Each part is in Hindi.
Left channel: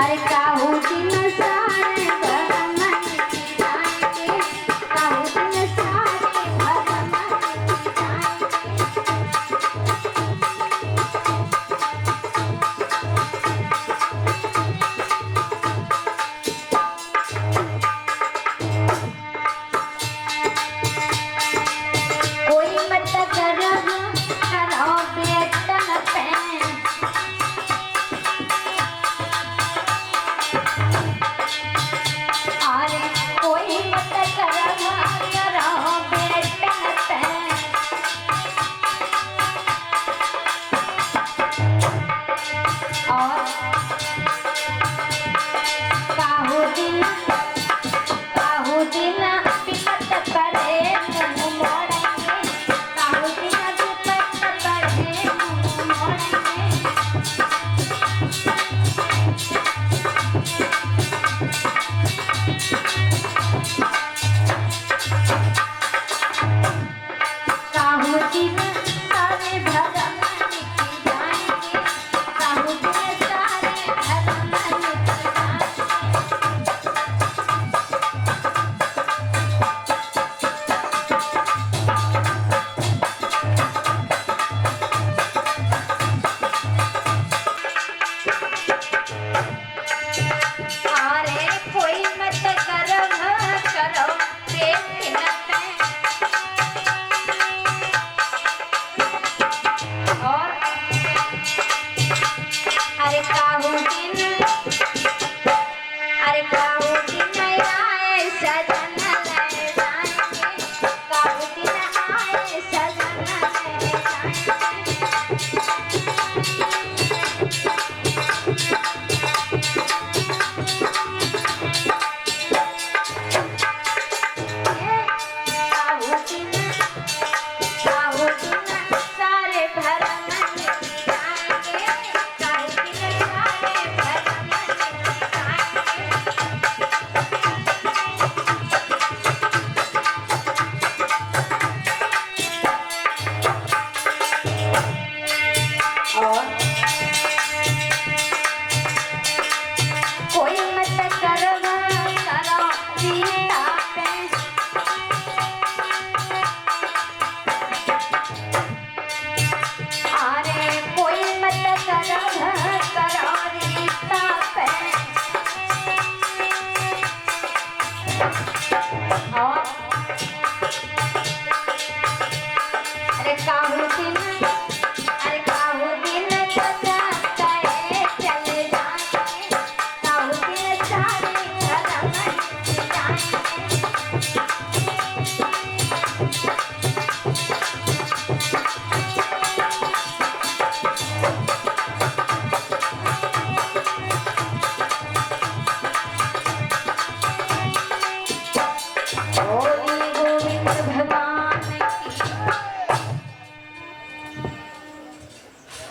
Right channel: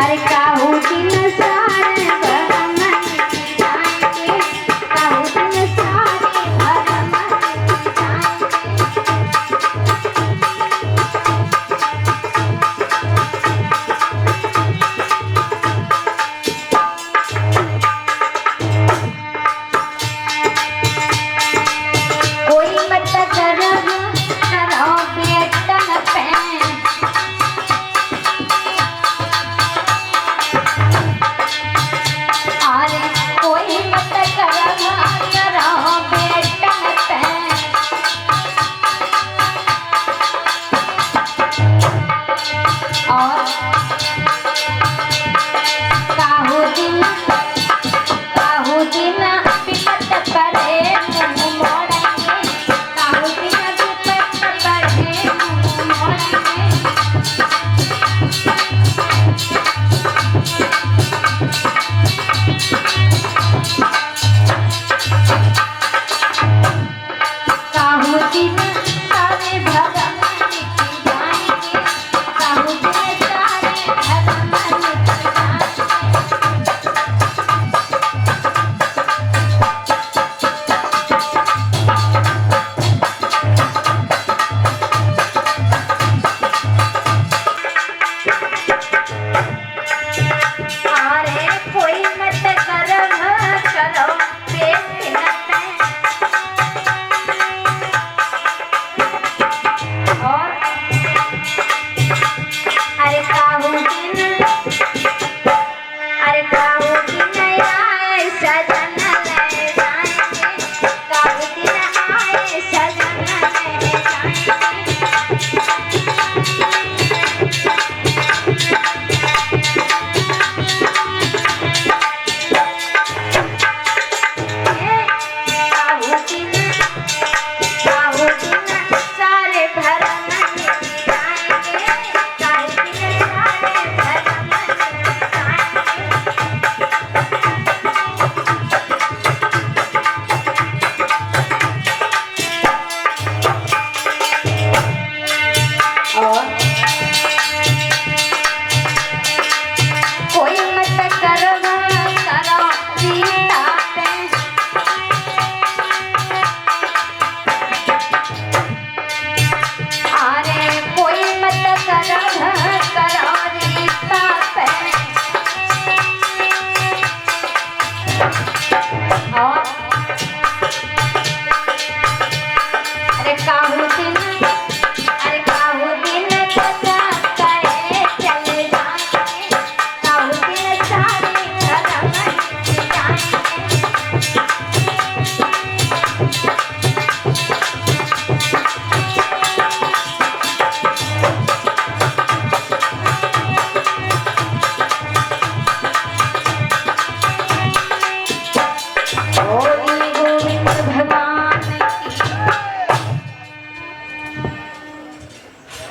अरे काहू दिन सारे भरम जाएंगे, काहू दिन सारे भरम कोई मत करो करो बेटन पे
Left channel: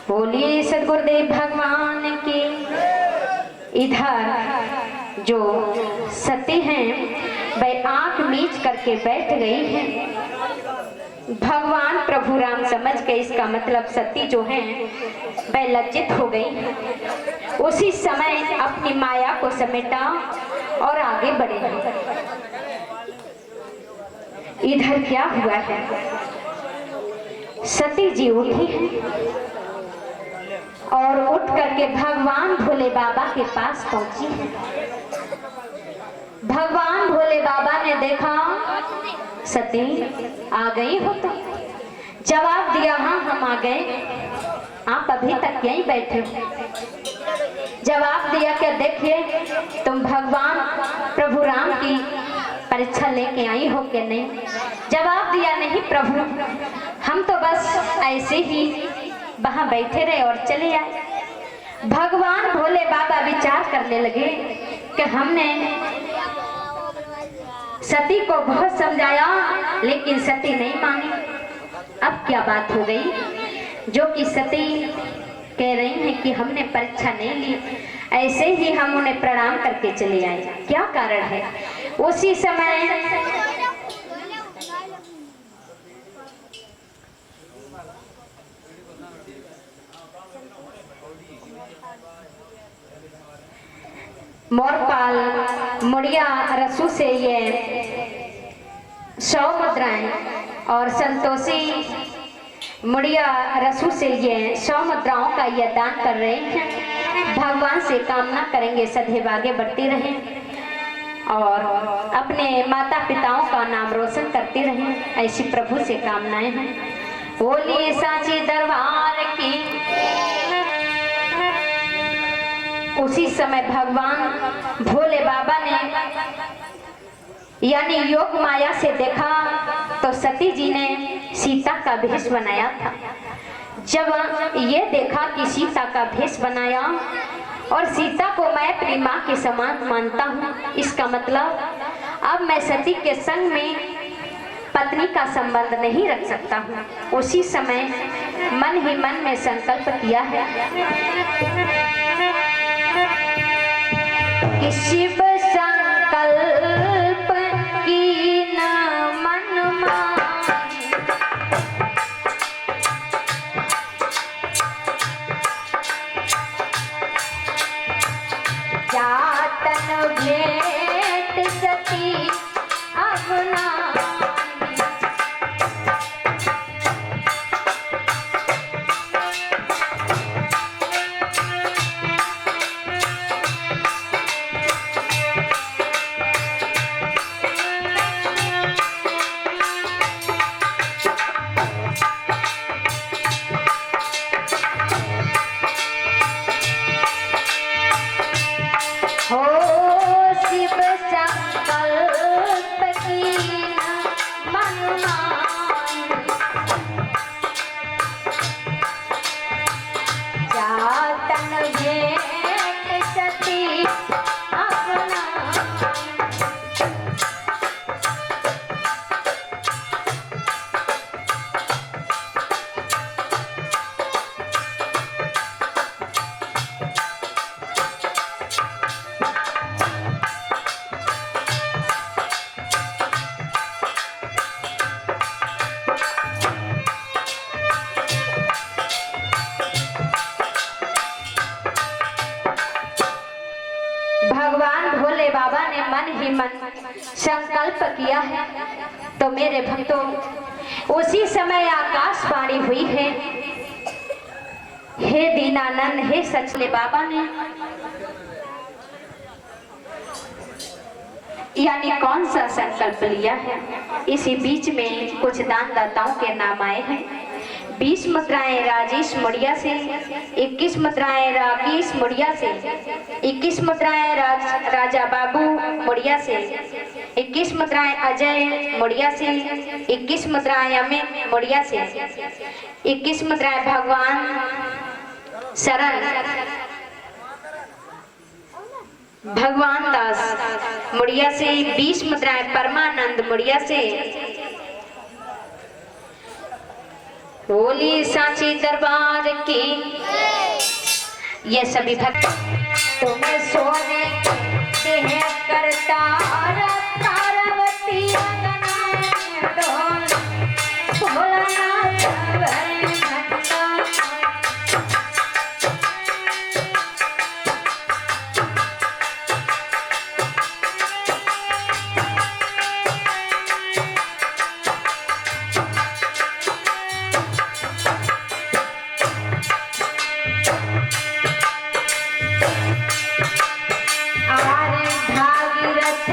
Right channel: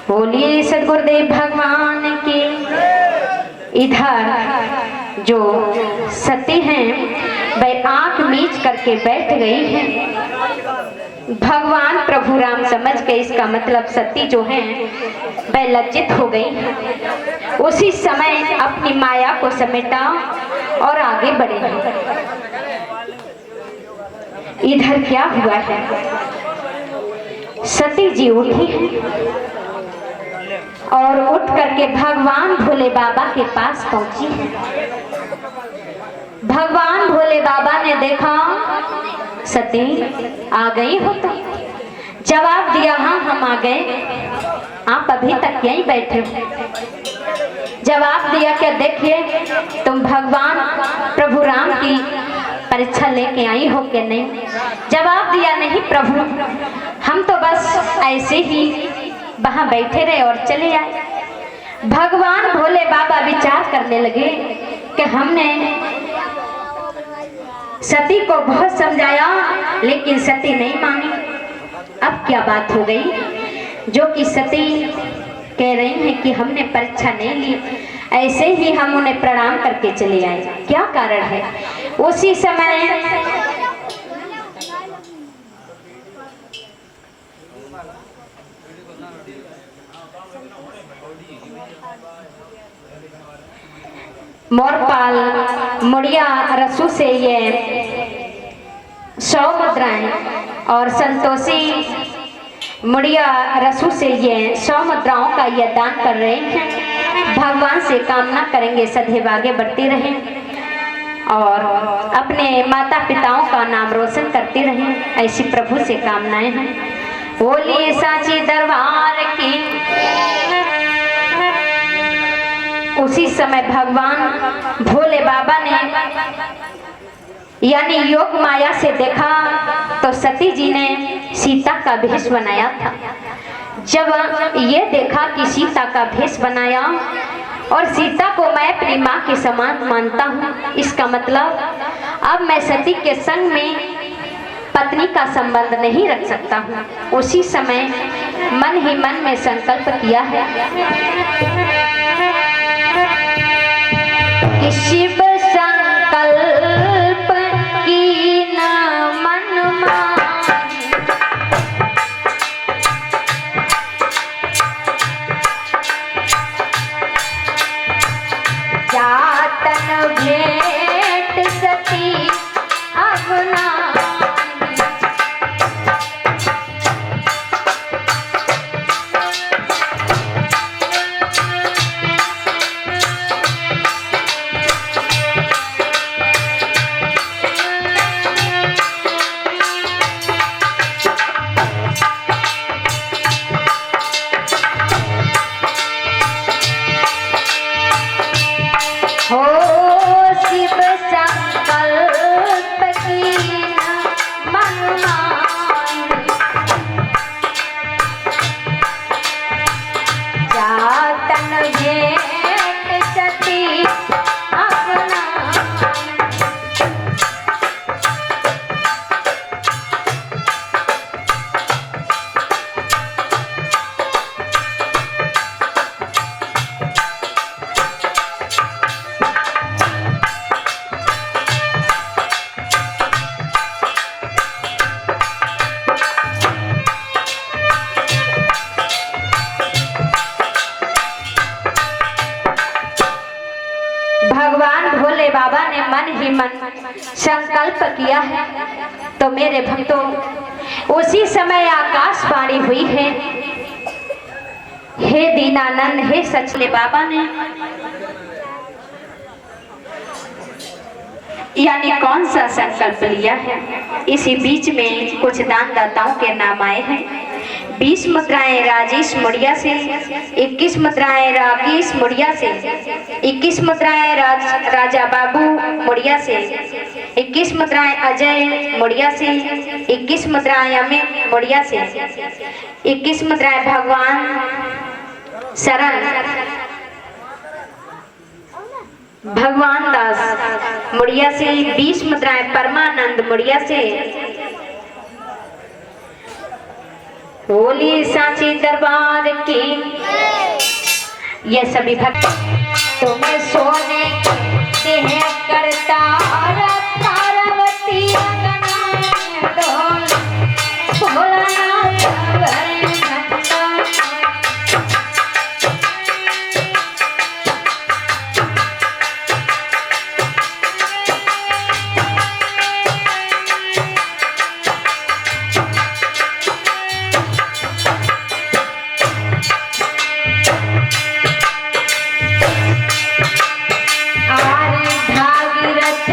बोलिए सदगुरुदेव भगवान की। इधर जो सती हैं वह आंख मीच करके बैठ गई है। भगवान प्रभु राम समझ के इसका मतलब सती जो है वह लज्जित हो गई। उसी समय अपनी माया को समेटा और आगे बढ़े। इधर क्या हुआ है, सती जी उठी है और उठ करके भगवान भोले बाबा के पास पहुंची है। भगवान भोले बाबा ने देखा सती आ गई हो तो जवाब दिया, हाँ हम आ गए, आप अभी तक यहीं बैठे हो। जवाब दिया क्या, देखिए तुम भगवान प्रभु राम की परीक्षा लेके आई हो कि नहीं। जवाब दिया, नहीं प्रभु, हम तो बस ऐसे ही वहां बैठे रहे और चले आए। भगवान भोले बाबा विचार करने लगे कि हमने सती को बहुत समझाया लेकिन सती नहीं मानी। अब क्या बात हो गई जो कि सती कह रही हैं कि हमने परीक्षा नहीं ली, ऐसे ही हम उन्हें प्रणाम करके चले आए। क्या कारण है? उसी समय मोरपाल मुड़िया रसू से ये 100 मुद्राएं और संतोषी मुड़िया रसू से ये 100 मुद्राओं का यह दान कर रहे हैं। भगवान से कामना करेंगे सदैव आगे बढ़ती रहें और अपने माता पिताओं का नाम रोशन करती रहें, ऐसी प्रभु से कामनाएं हैं। बोलिए सांची दरबार की। उसी समय भगवान भोले बाबा ने यानी योग माया से देखा तो सती जी ने सीता का भेष बनाया था। जब ये देखा कि सीता का भेष बनाया और सीता को मैं अपनी माँ के समान मानता हूँ, इसका मतलब अब मैं सती के संग में पत्नी का संबंध नहीं रख सकता हूँ। उसी समय मन ही मन में संकल्प किया है कि शिव संकल्प की न मन मानी, जातन भेंट सती अब नानी। हो शिव संकल्प की मन मानी, जातन भेंट सती अपना। भगवान भोले बाबा ने मन ही मन संकल्प किया है। तो मेरे भक्तों, उसी समय आकाशवाणी हुई है, हे दीनानंद, हे सचले बाबा ने यानी कौन सा संकल्प लिया है। इसी बीच में कुछ दान दाताओं के नाम आए हैं। 20 मुद्राएं राजेश मुड़िया से, 21 मुद्राएं राकेश मुड़िया से, 21 मुद्राएं राजा बाबू मुड़िया से, 21 मुद्राएं अजय मुड़िया से, 21 मुद्राएं अमित मुड़िया से, 21 मुद्राएं भगवान शरण भगवान दास मुड़िया से, 20 मुद्राएं परमानंद मुड़िया से। बोली सांची दरबार की। ये सभी भक्त तुम्हें सोने देह करता तारावती डोल भोलानाथ घंटा। भागीरथ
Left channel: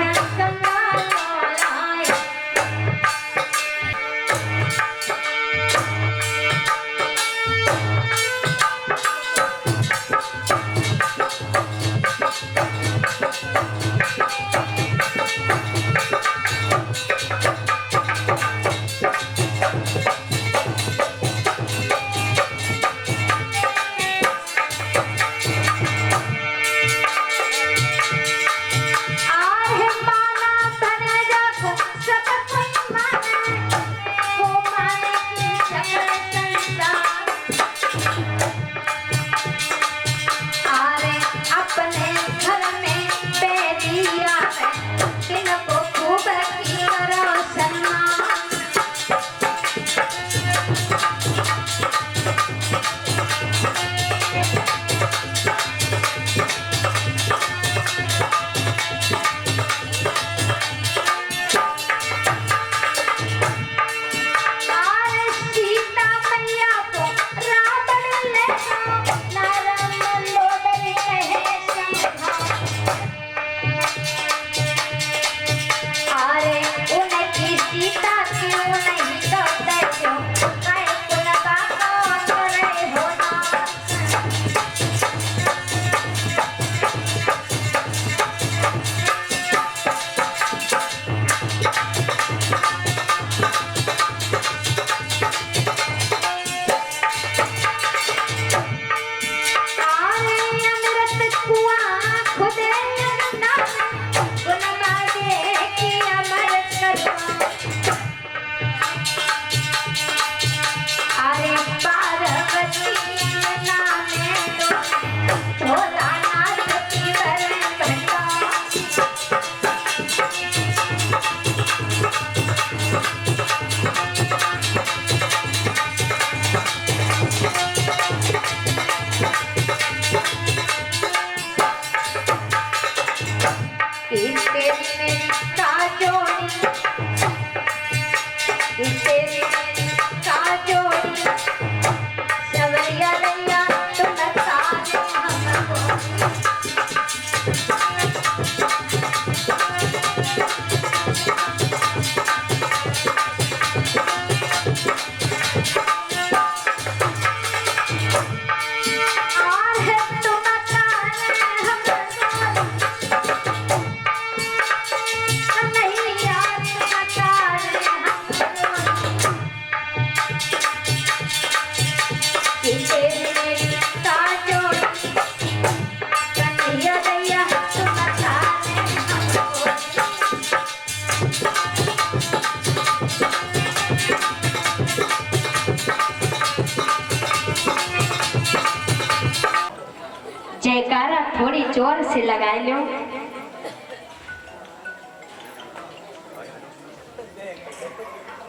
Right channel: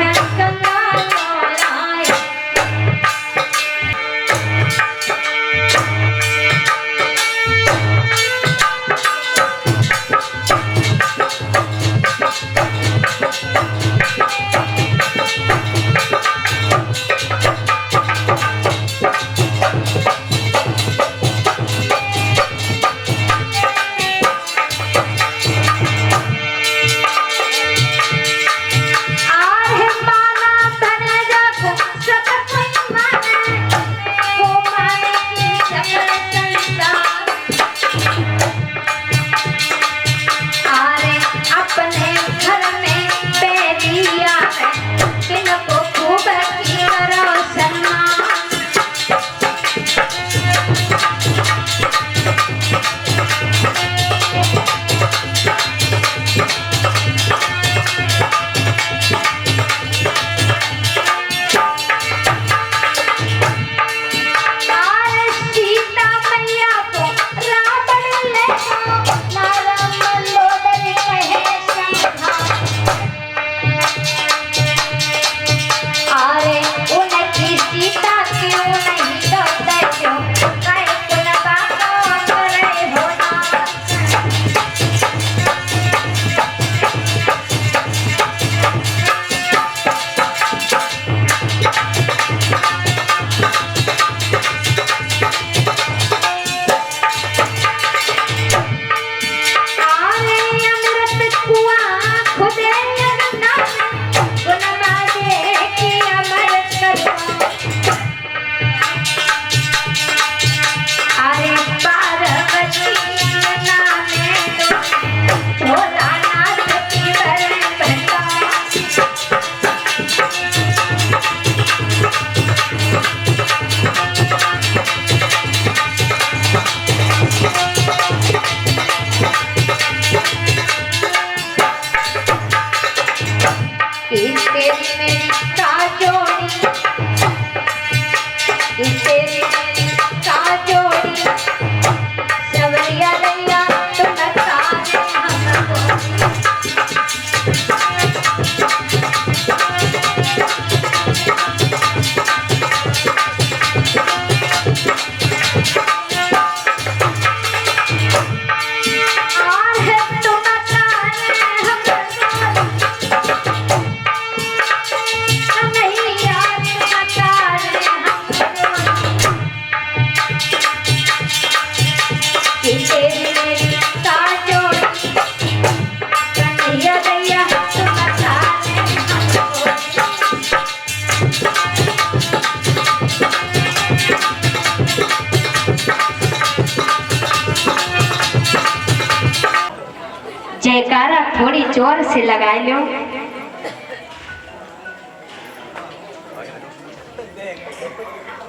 जयकारा थोड़ी जोर से लगा लो।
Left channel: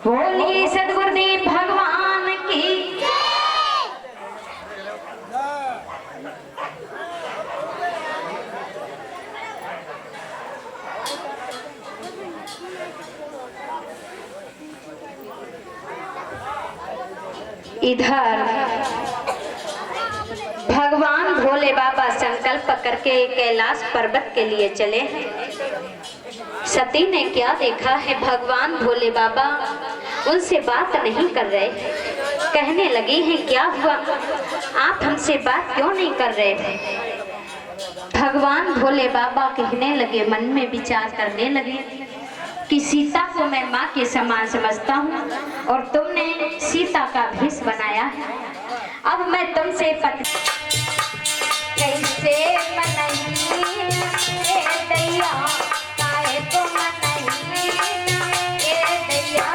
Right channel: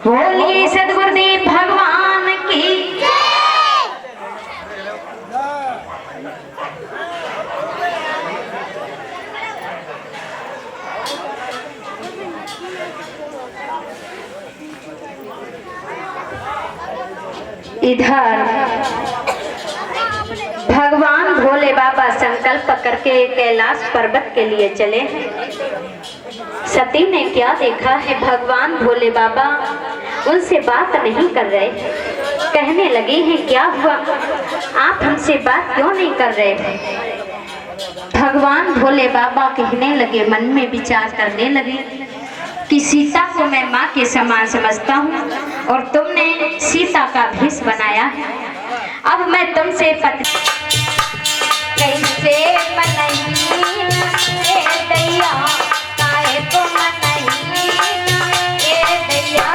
बोलिए सदगुरुदेव भगवान की। इधर भगवान भोले बाबा संकल्प करके कैलाश पर्वत के लिए चले हैं। सती ने क्या देखा है, भगवान भोले बाबा उनसे बात नहीं कर रहे। कहने लगे हैं क्या हुआ, आप हमसे बात क्यों नहीं कर रहे। भगवान भोले बाबा कहने लगे, मन में विचार करने लगे कि सीता को मैं माँ के समान समझता हूँ और तुमने सीता का भेष बनाया है। अब मैं तुमसे कैसे मनही ए दैया, काहे को मनही ए दैया।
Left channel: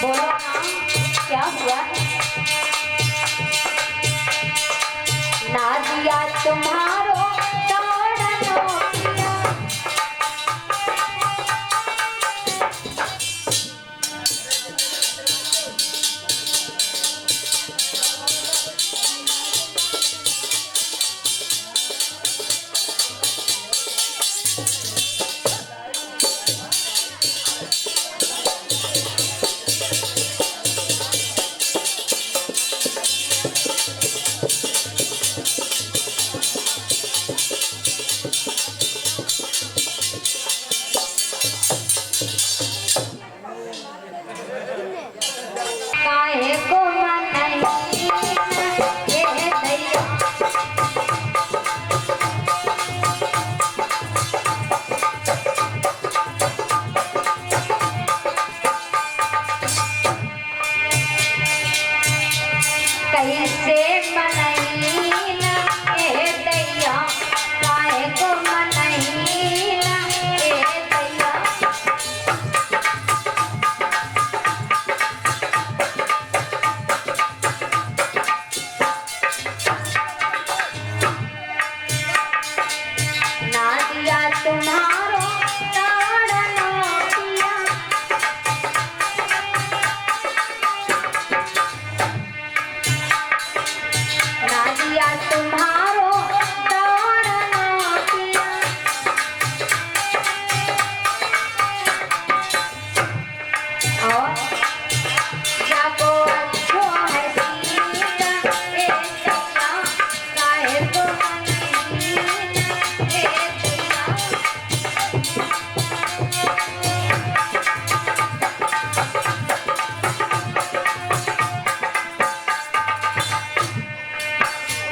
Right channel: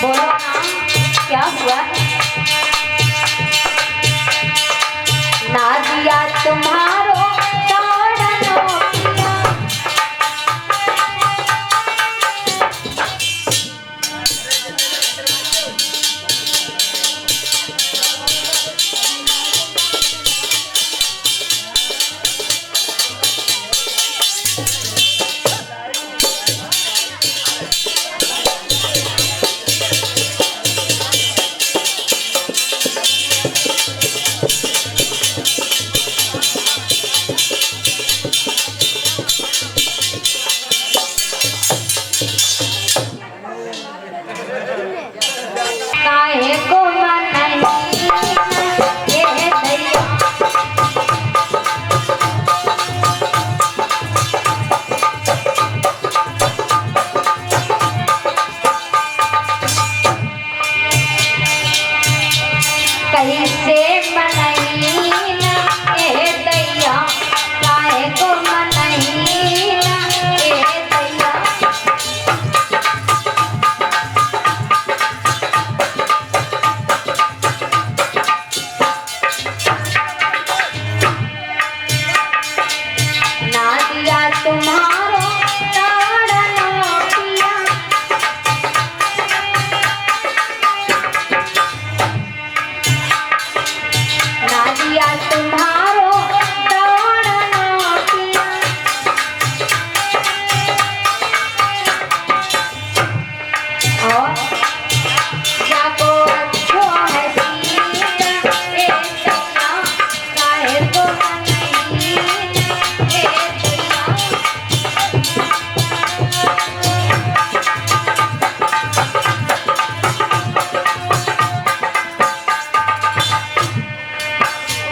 बोलो ना क्या हुआ है। ना दिया तुम्हारो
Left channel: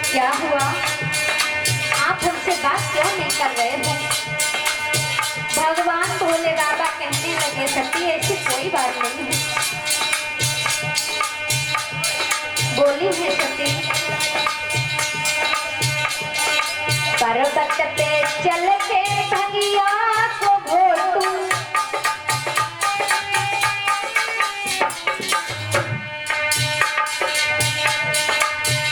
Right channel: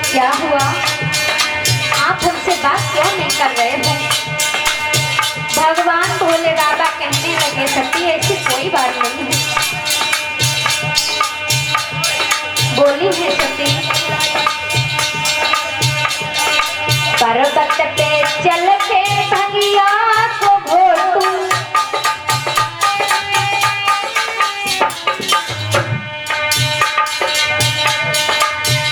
क्या हुआ, आप हमसे बात क्यों नहीं कर रहे हो। भगवान भोले बाबा कहने लगे, सती ऐसी कोई बात नहीं है। बोली है सती, पर्वत पे चल के भगिया को घोटू,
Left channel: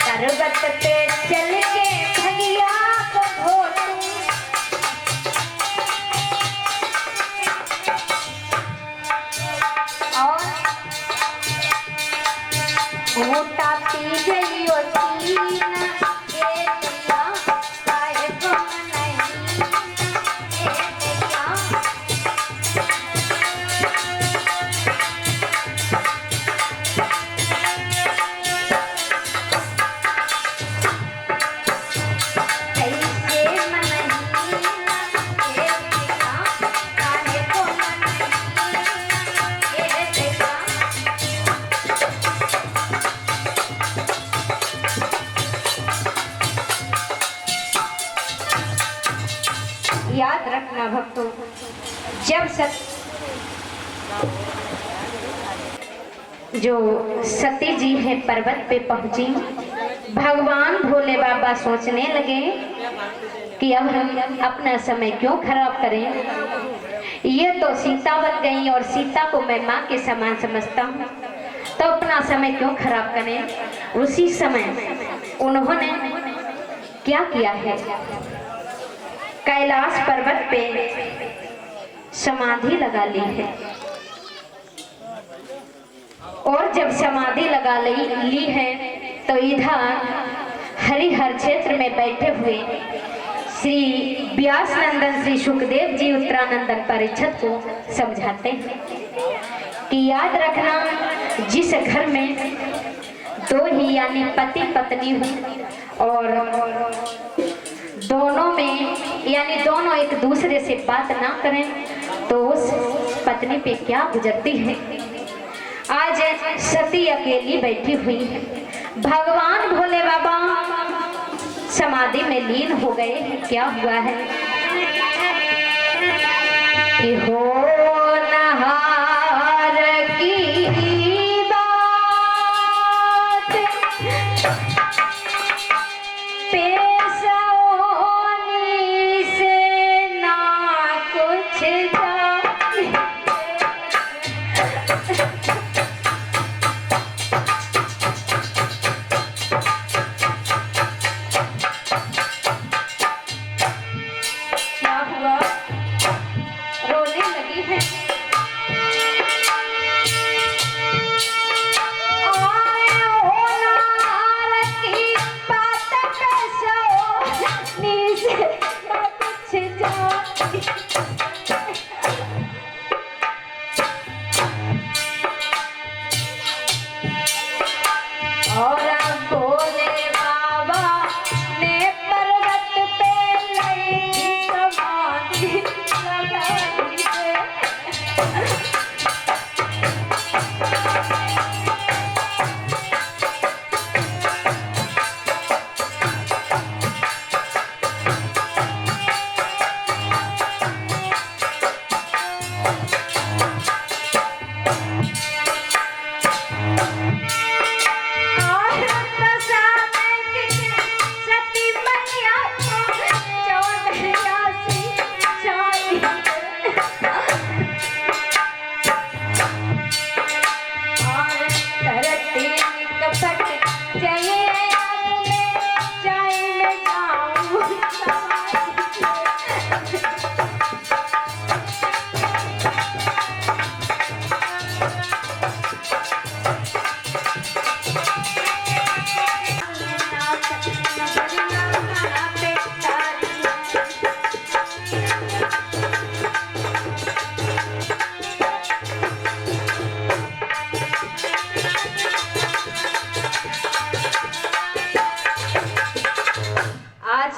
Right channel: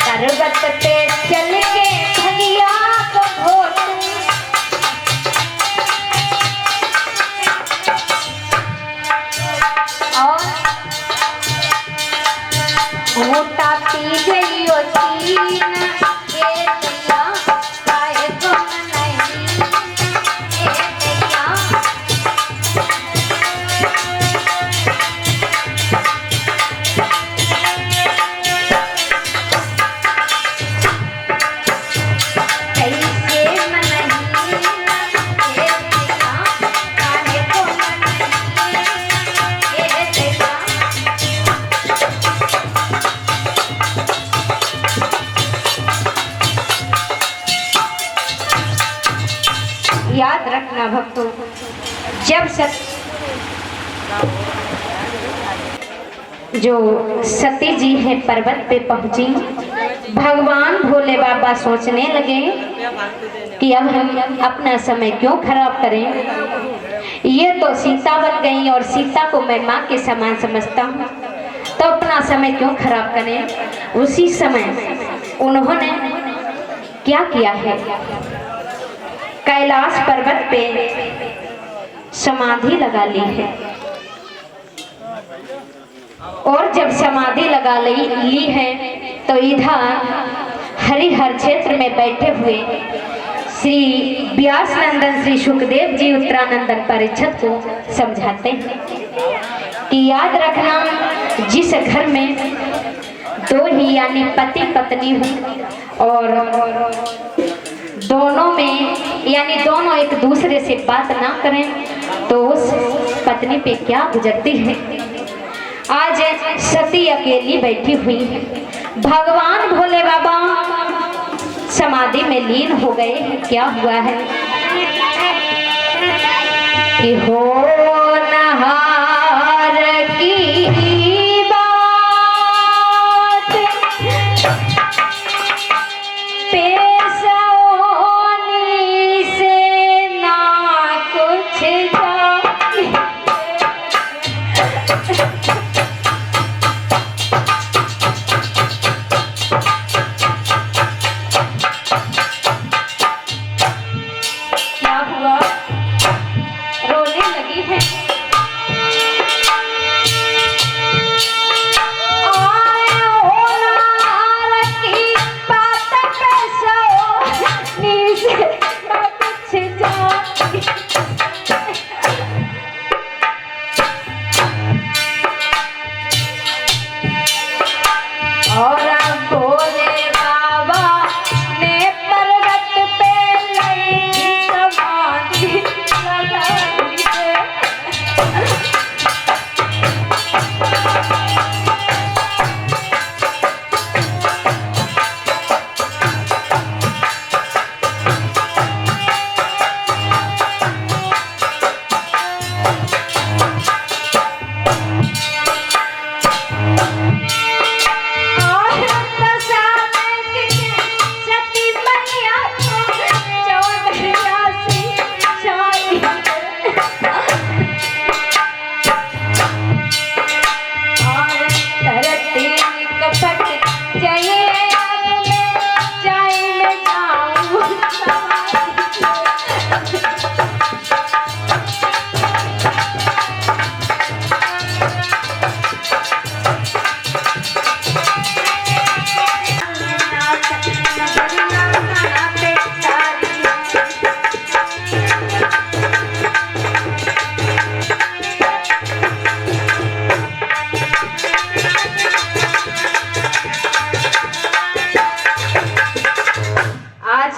पर्वत पे चल के भगिया को घोटू, और घूटा पी गई तीन ए दैया, काहे को नहीं ए दैया। याद रखना भक्तों, जब जो सती जी है पर्वत पे पहुंची, भगवान भोले बाबा सोचने लगे कि अब हम अपना समय क्यों खराब करें। ये तो सीतावती गई और सीता को मैं माँ के समान समझता हूँ, तो अपना समय क्यों खराब करें। उसी समय उन्होंने क्या किया है, कैलाश पर्वत पे समाधि लगा ली है। और जब समाधि लगा ली है तो इधर हरिहर क्षेत्र में बैठे हुए श्री व्यास नंदन श्री सुखदेव जी उत्तरानंदन परीक्षित को समझाते हैं कि याद रखना, जिस घर में दो ही यानी पति पत्नी हो और दोनों में यानी दोनों एक दूसरे से बात ना करें तो उस पत्नी पे क्या गुजरती है। आज सती अकेली बैठी हुई है, भगवान भोले बाबा समाधि में लीन हो गए। क्या हुआ है कि हो नहार की बात पेशोनी से ना कुछ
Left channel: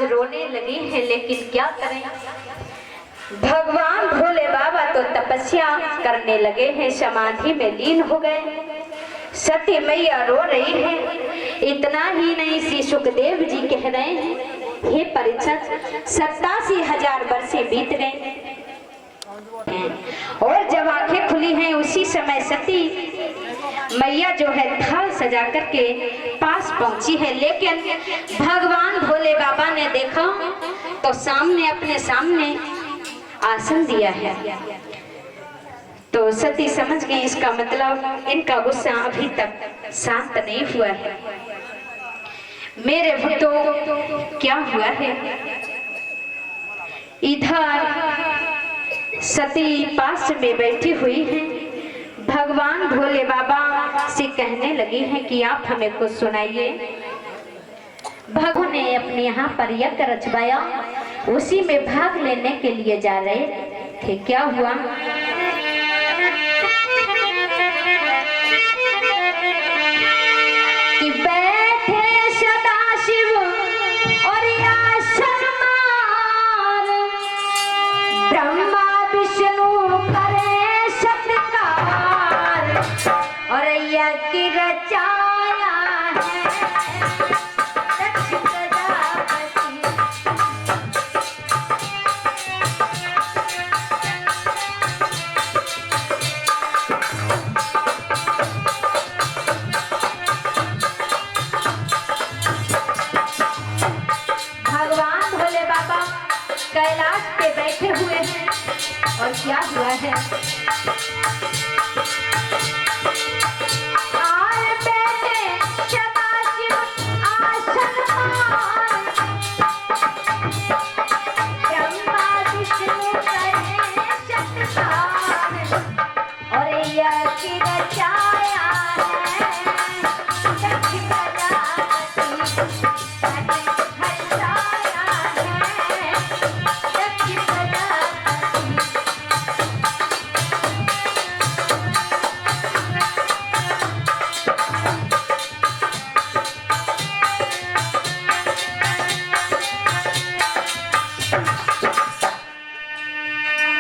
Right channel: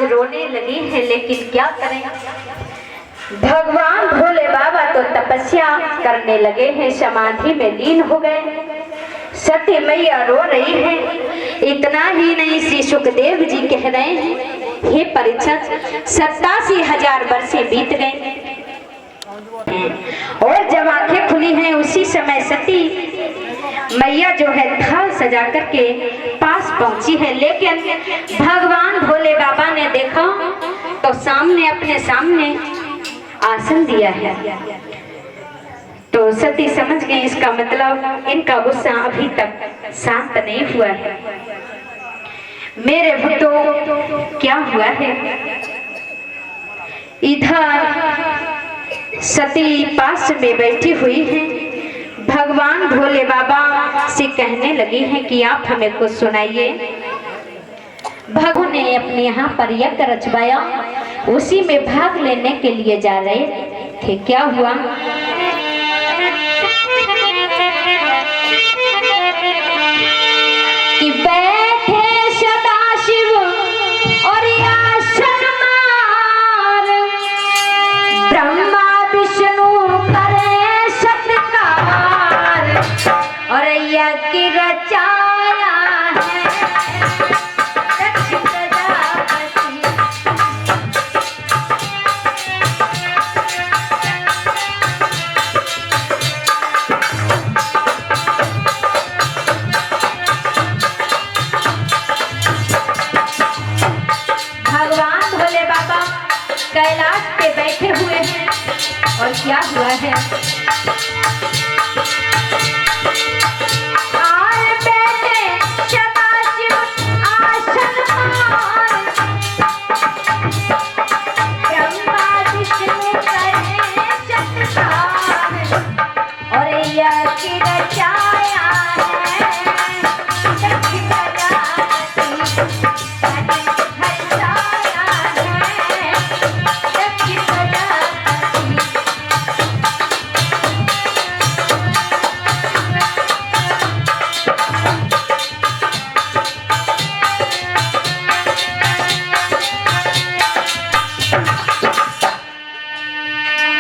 रोने लगी है, लेकिन क्या करें, भगवान भोले बाबा तो तपस्या करने लगे हैं, समाधि में लीन हो गए। सती मैया रो रही है। इतना ही नहीं, श्री सुखदेव जी कह रहे हैं, हे परीक्षित 87,000 वर्षे बीत गए और जब आंखें खुली हैं उसी समय सती मैया जो है थाल सजा करके पास पहुंची है। लेकिन भगवान भोले बाबा ने देखा तो सामने अपने सामने आसन दिया है। तो सती समझ गई, इसका मतलब इनका गुस्सा अभी तक शांत नहीं हुआ है। मेरे भक्तों क्या हुआ है, इधर सती पास में बैठी हुई है, भगवान भोले बाबा से कहने लगी हैं कि आप हमें कुछ सुनाइए। भगवान ने अपने यहाँ पर यज्ञ रचवाया, उसी में भाग लेने के लिए जा रहे थे। क्या हुआ कि बैठे सदाशिव और आसन मार, ब्रह्मा विष्णु करे सत्कार और यज्ञ रचाया है दक्ष प्रजापति। भगवान भोले बाबा कैलाश पे बैठे हुए हैं और क्या हुआ है?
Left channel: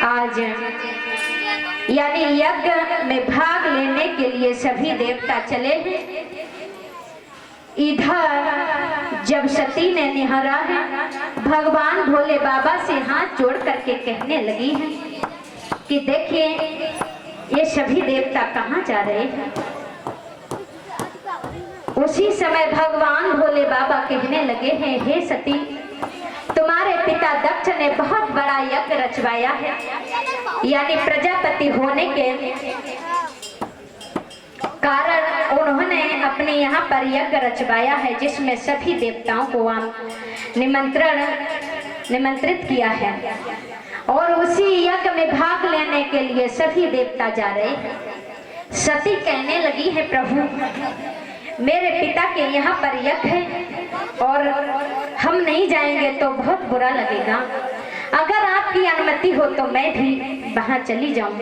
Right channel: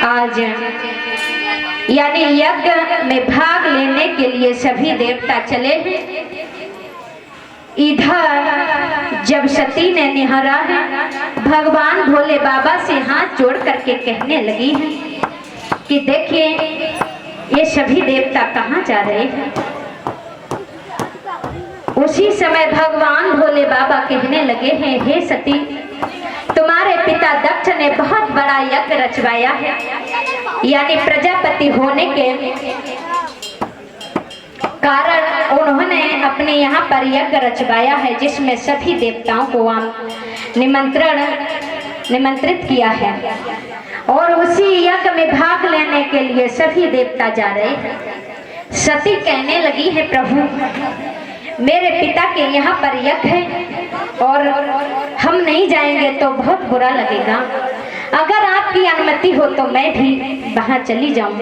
आज यानी यज्ञ में भाग लेने के लिए सभी देवता चले हैं। इधर जब सती ने निहारा है, भगवान भोले बाबा से हाथ जोड़ करके कहने लगी है कि देखिए ये सभी देवता कहाँ जा रहे हैं। उसी समय भगवान भोले बाबा कहने लगे हैं, हे सती, तुम्हारे पिता दक्ष ने बहुत बड़ा यज्ञ रचवाया है, यानी प्रजापति होने के कारण उन्होंने अपने यहाँ पर यज्ञ रचवाया है, जिसमें सभी देवताओं को निमंत्रित किया है और उसी यज्ञ में भाग लेने के लिए सभी देवता जा रहे हैं। सती कहने लगी है, प्रभु मेरे पिता के यहाँ पर यज्ञ है और हम नहीं जाएंगे तो बहुत बुरा लगेगा। अगर आपकी अनुमति हो तो मैं भी वहां चली जाऊं।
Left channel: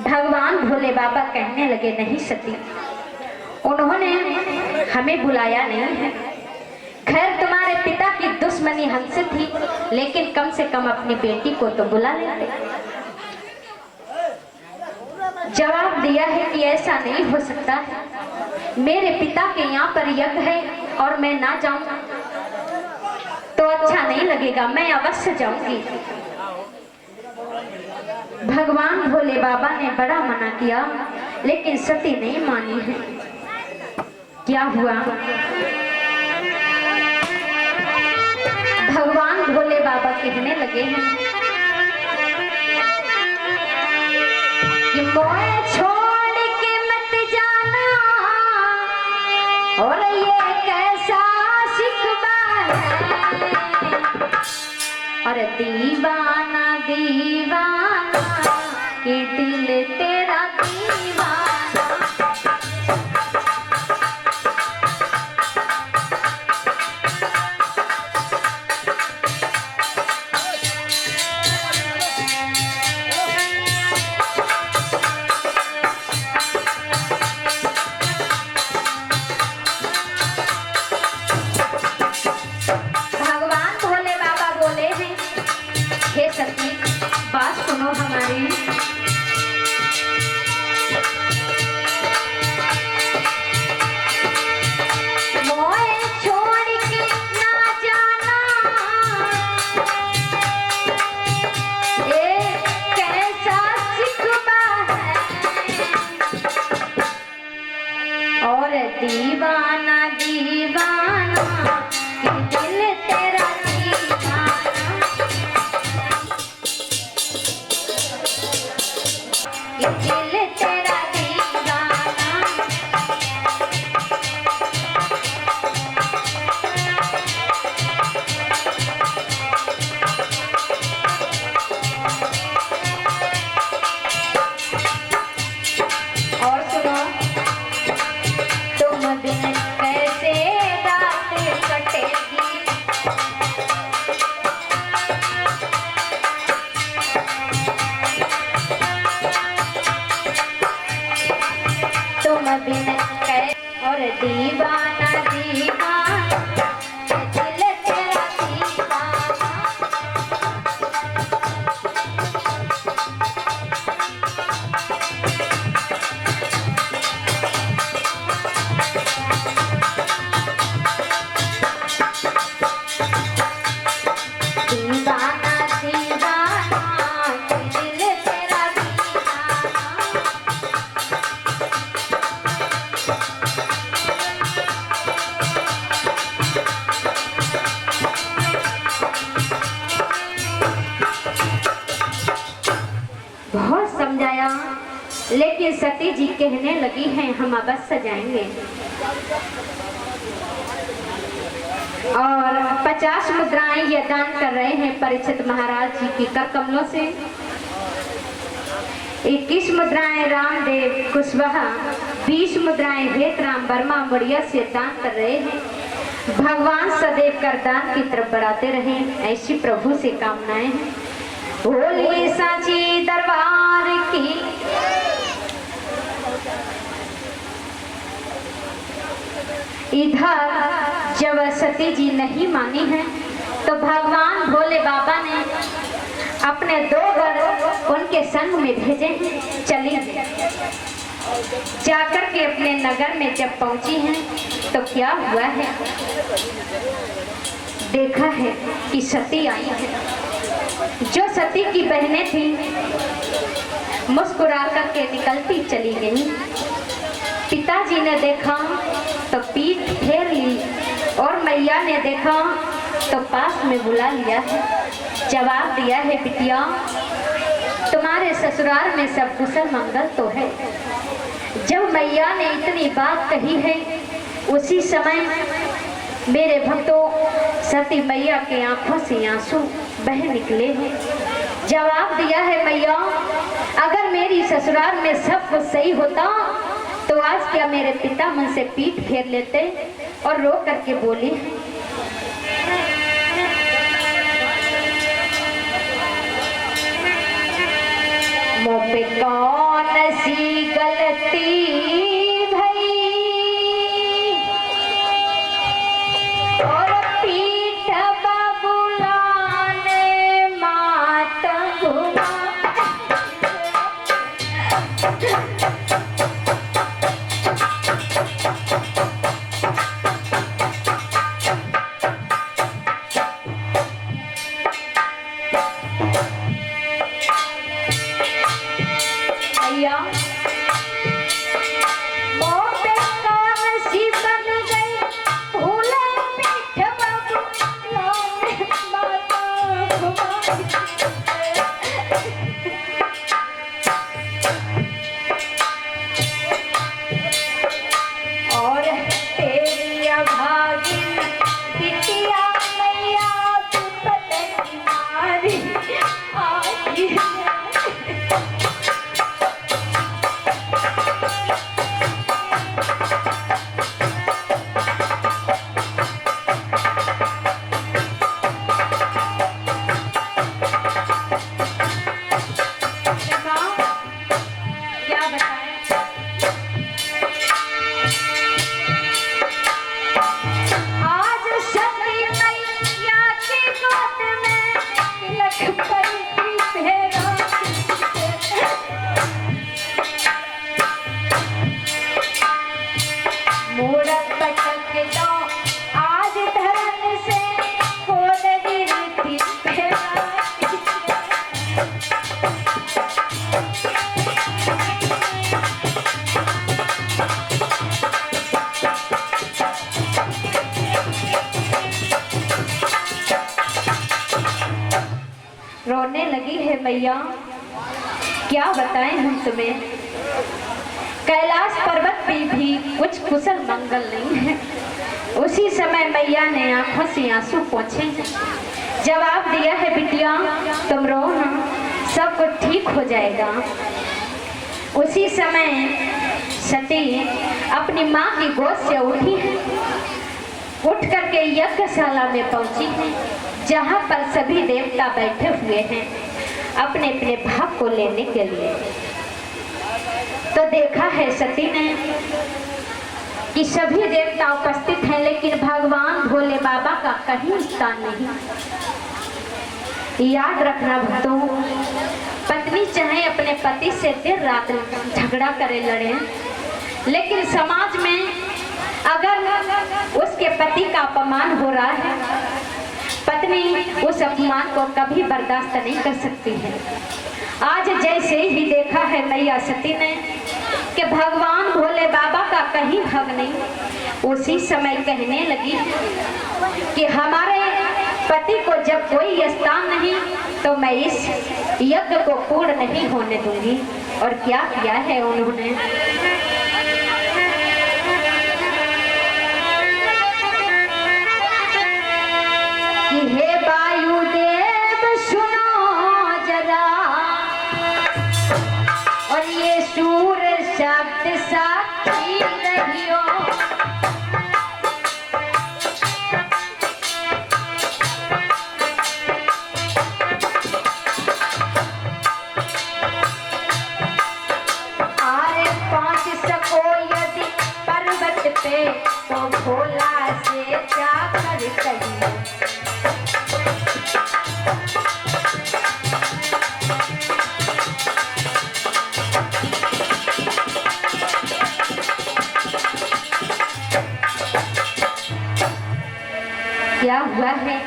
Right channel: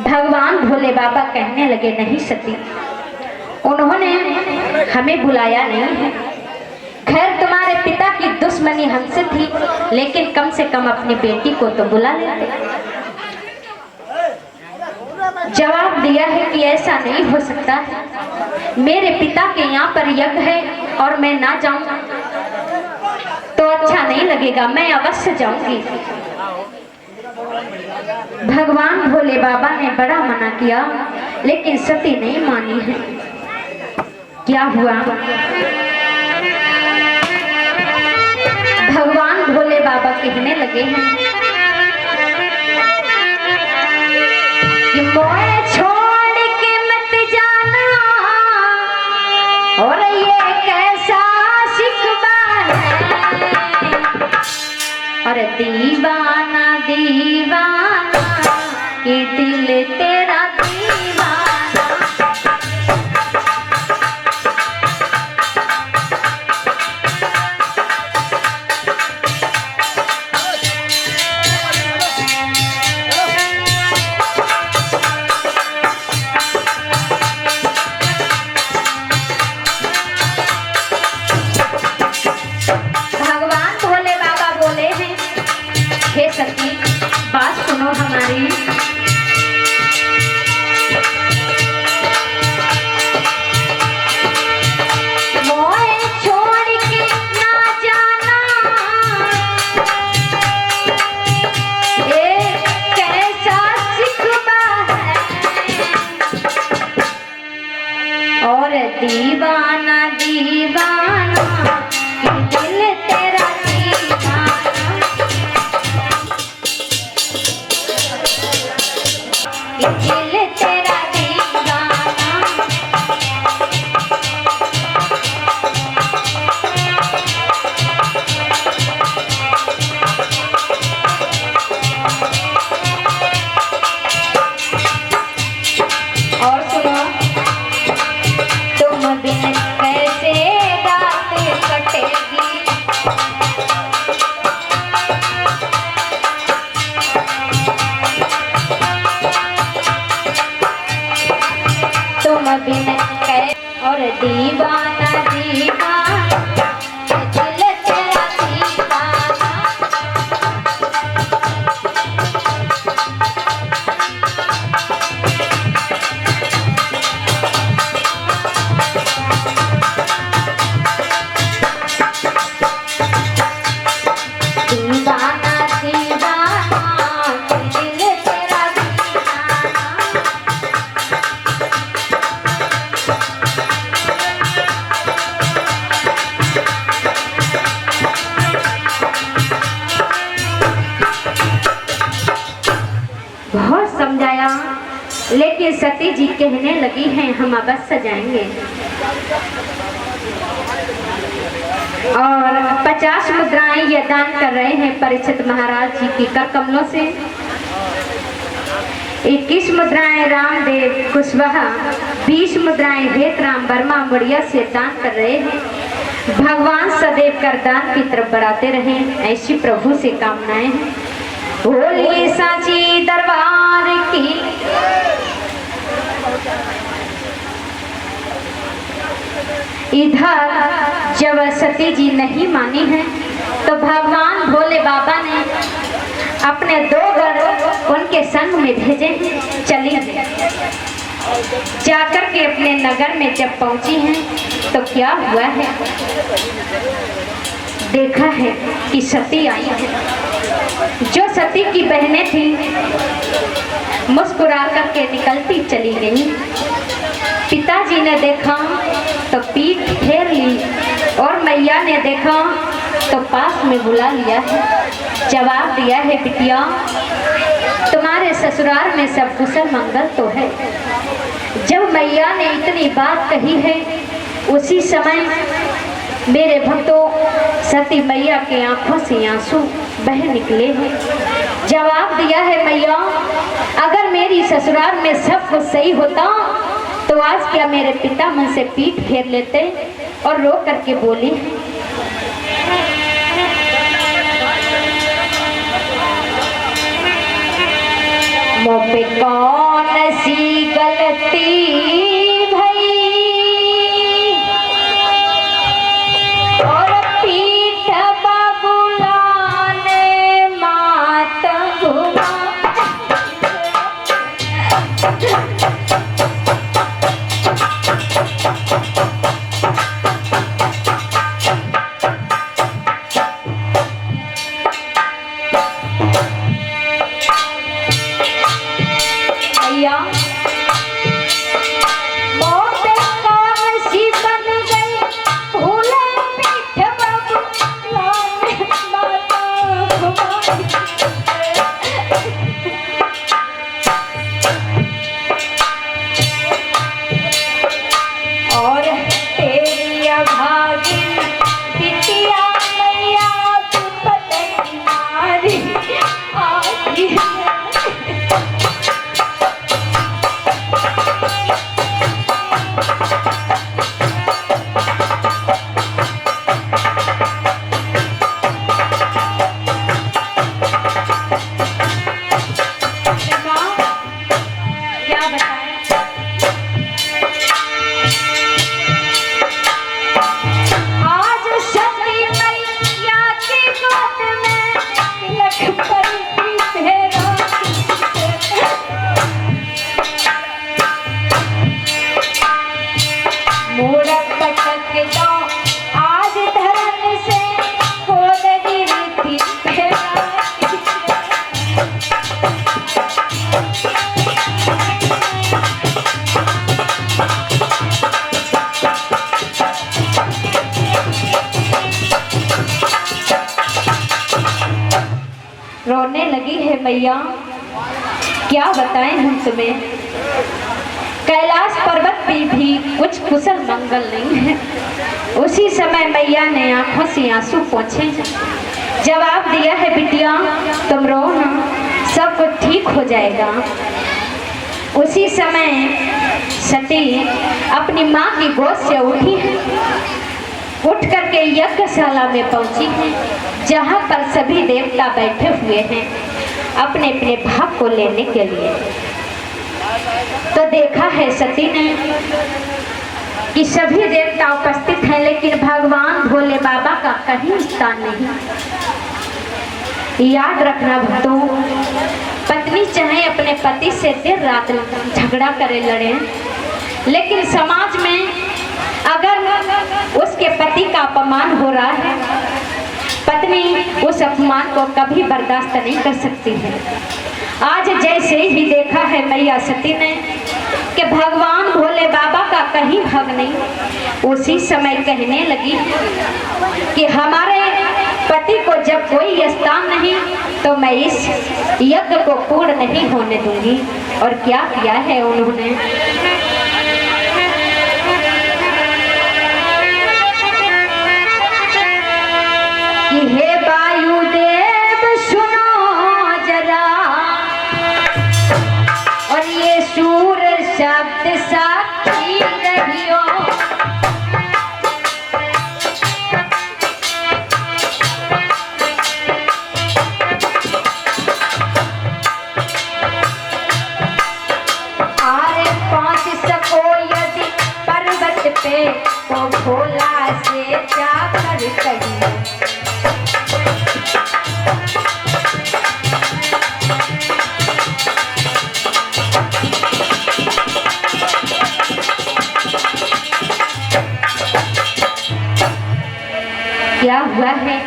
भगवान भोले बाबा कहने लगे, नहीं सती, उन्होंने हमें बुलाया नहीं है। खैर तुम्हारे पिता की दुश्मनी हमसे थी, लेकिन कम से कम अपनी बेटी को तो बुला लेते। जवाब दिया है कि ऐसा नहीं हो सकता, मेरे पिता के यहाँ पर यज्ञ है और मैं ना जाऊं तो अच्छा नहीं लगेगा, मैं अवश्य जाऊंगी। भगवान भोले बाबा ने बड़ा मना किया, लेकिन सती नहीं मानी है। क्या हुआ? भगवान भोले बाबा कहने लगे हैं कि मोए छोड़ के मत जाना, और ये कैसा शिकवा है, और दीवाना दीवाना कि दिल तेरा दीवाना। बात सुनो हमारी, मोए छोड़ के ना जाना, ये कैसा शिकवा है, और दीवाना दीवाना दिल तेरा दिल तेरा दीवाना। और सुनो, तुम बिन कैसे रात कटेगी, तुम बिन कै और दीवाना दीवाना दिल तेरा दीवाना। दीवाना दीवाना दिल तेरा दीवाना। बहुत समझाया, लेकिन सती जी कहने लगी हैं हम अवश्य जाएंगे। और 50 मुद्राएं ये दान कर रहे हैं परीक्षित महाराज जी की कर कमलों से। 21 मुद्राएं रामदेव कुशवाहा, 20 मुद्राएं भेद राम वर्मा मुड़िया से दान कर रहे हैं। भगवान सदैव करदान की तरफ बढ़ाते रहें, ऐसी प्रभु से कामनाएं हैं। बोलिए सांची दरबार की। इधर जब सती जी नहीं मानी है तो भगवान भोले बाबा ने अपने 2 गण उनके संग में भेजे हैं। चली जाकर के अपने नगर में जब पहुंची हैं तो क्या हुआ है, देखा है कि सती आई है। जो सती की बहनें थी मुस्कुरा करके निकलती चली गई। पिताजी ने देखा तो पीठ फेर ली और मैया ने देखा तो पास में बुला लिया है। जवाब दिया है बिटिया, तुम्हारे ससुराल में सब कुशल मंगल तो है। जब मैया ने इतनी बात कही है उसी समय मेरे भक्तों सती मैया के आंखों से आंसू बह निकले हैं। जवाब दिया है मैया, अगर मेरी ससुराल में सब कुछ सही होता तो आज क्या मेरे पिता मुझसे पीठ फेर लेते। और रो करके बोली, मुझ पे कौन सी गलती भई और पीठ बबुलाने मात घुमा। रोने लगी है मैया, क्या बताएं हम तुम्हें। कैलाश पर्वत पे भी कुछ कुशल मंगल नहीं है। उसी समय मैया ने आंखों से आंसू पोंछे। जवाब दिया है बिटिया, तुम रो ना, सब कुछ ठीक हो जाएगा। उसी समय सती अपनी माँ की गोद से उठी है, उठ करके यज्ञशाला में पहुंची है, जहाँ पर सभी देवता बैठे हुए हैं अपने अपने भाग को लेने के लिए। तो देखा है सती ने कि सभी देवता उपस्थित हैं, लेकिन भगवान भोले बाबा का कहीं स्थान नहीं। याद रखना भक्तों, पत्नी चाहे अपने पति से देर रात झगड़ा करे लड़े, लेकिन समाज में अगर उसके पति का अपमान हो रहा है, पत्नी उस अपमान को कभी बर्दाश्त नहीं कर सकती है। आज जैसे ही देखा है मैया सती ने कि भगवान भोले बाबा का कहीं भाग नहीं, उसी समय कहने लगी कि हमारे पति को जब कोई स्थान नहीं तो मैं इस यज्ञ को पूर्ण नहीं होने दूंगी। और क्या किया है उन्होंने, कि हे वायुदेव सुनो जरा, और ये सूर शब्द साक्षी रहियो। पे तो भोला से जाकर कहिए, क्या हुआ है?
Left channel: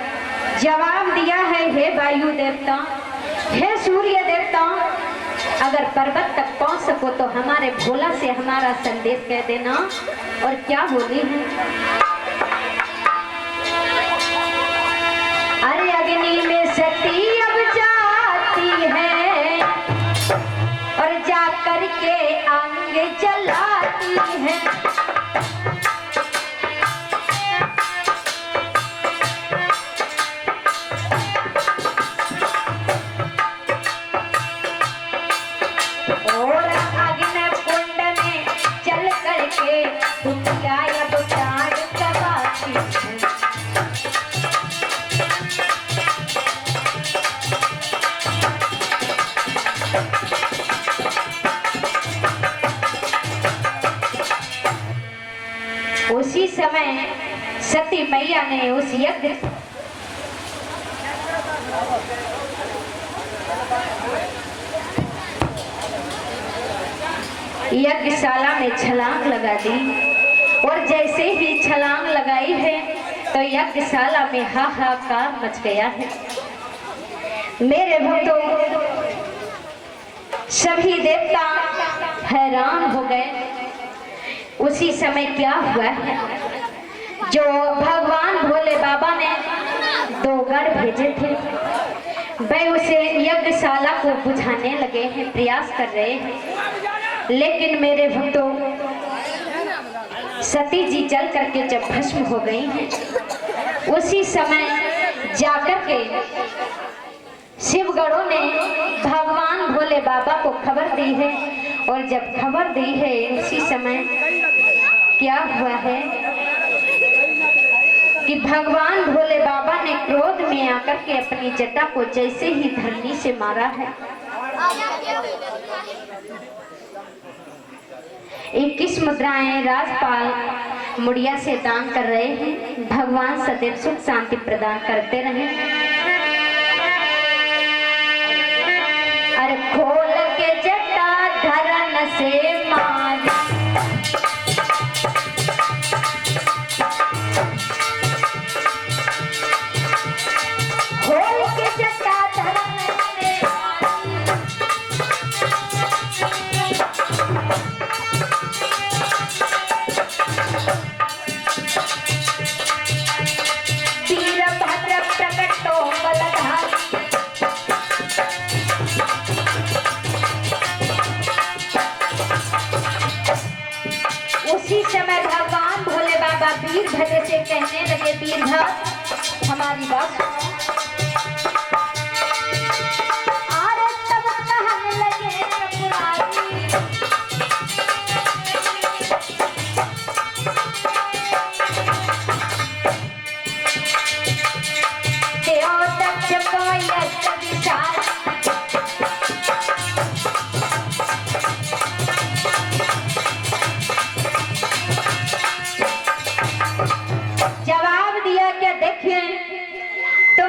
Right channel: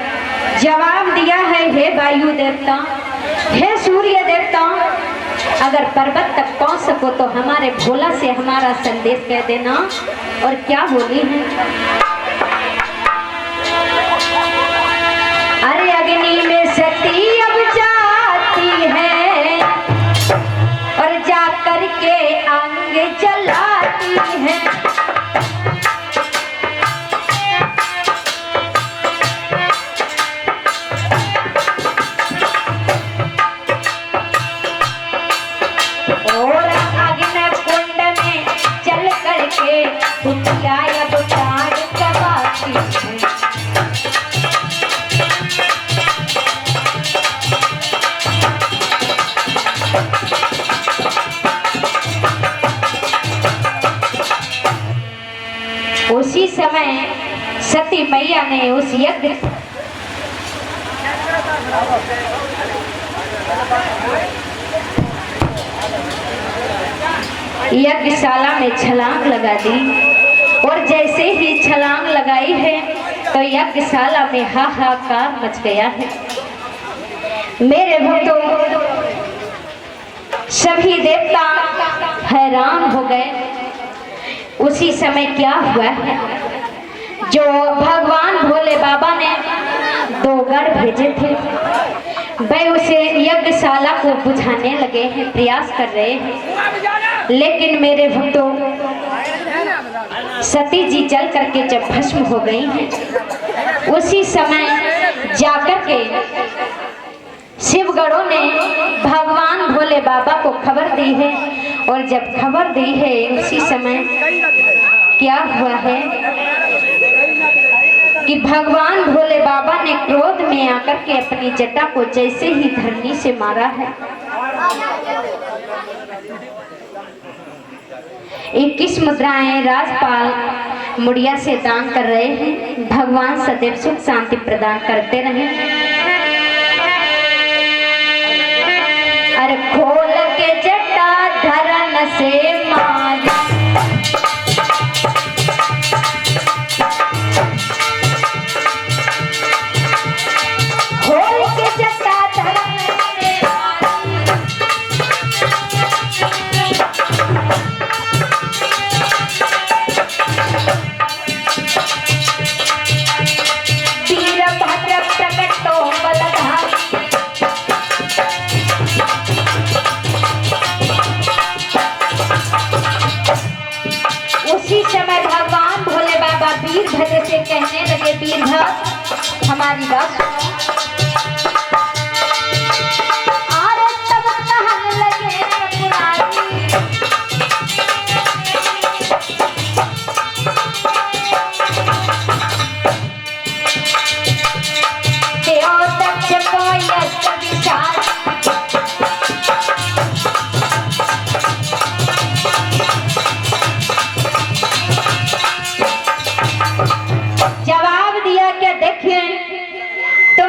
जवाब दिया है, हे वायु देवता, हे सूर्य देवता, अगर पर्वत तक पहुंच सको तो हमारे भोला से हमारा संदेश कह देना। और क्या बोली है, अरे अग्नि में सती अब जाती है और जाकर के अंग जलाती है। उसी समय सती मैया ने उस यज्ञशाला में छलांग लगा दी। और जैसे ही छलांग लगाई है तो यज्ञशाला में हाहाकार मच गया है। मेरे भक्तों, सभी देवता हैरान हो गए। उसी समय क्या हुआ है, जो भगवान भोले बाबा ने 2 गढ़ भेजे थे, वे उसे यज्ञशाला को बुझाने लगे हैं, प्रयास कर रहे हैं। लेकिन मेरे भक्तों, सती जी जल करके जब भस्म हो गई हैं, उसी समय जाकर के शिवगणों ने भगवान भोले बाबा को खबर दी है। और जब खबर दी है, उसी समय क्या हुआ है कि भगवान भोले बाबा ने क्रोध में आकर के अपनी जटा को जैसे ही धरनी से मारा है, 21 मुद्राएं राजपाल मुड़िया से दान कर रहे हैं। भगवान सदैव सुख शांति प्रदान करते रहे। अरे खोल के जटा धरन से मारी, खोल के जटा धरन से मारी, वीरभद्र प्रकटो बलधारी। उसी समय भगवान भोले बाबा वीरभद्र से कहने लगे, वीरभद्र हमारी बात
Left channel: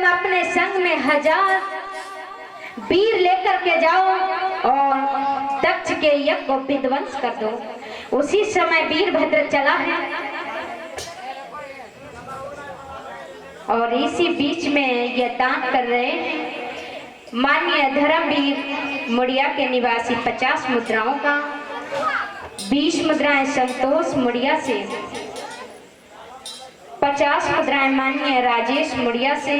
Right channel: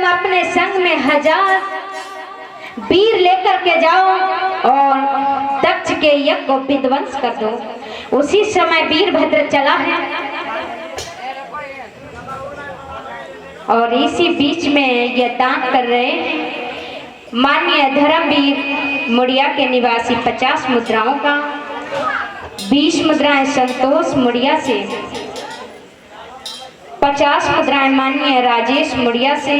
अपने संग में 1000 वीर लेकर के जाओ और दक्ष के यज्ञ को विध्वंस कर दो। उसी समय वीरभद्र चला है और इसी बीच में यह दान कर रहे हैं माननीय धर्मवीर मुड़िया के निवासी 50 मुद्राओं का, 20 मुद्राएं संतोष मुड़िया से, 50 मुद्राएं माननीय राजेश मुड़िया से,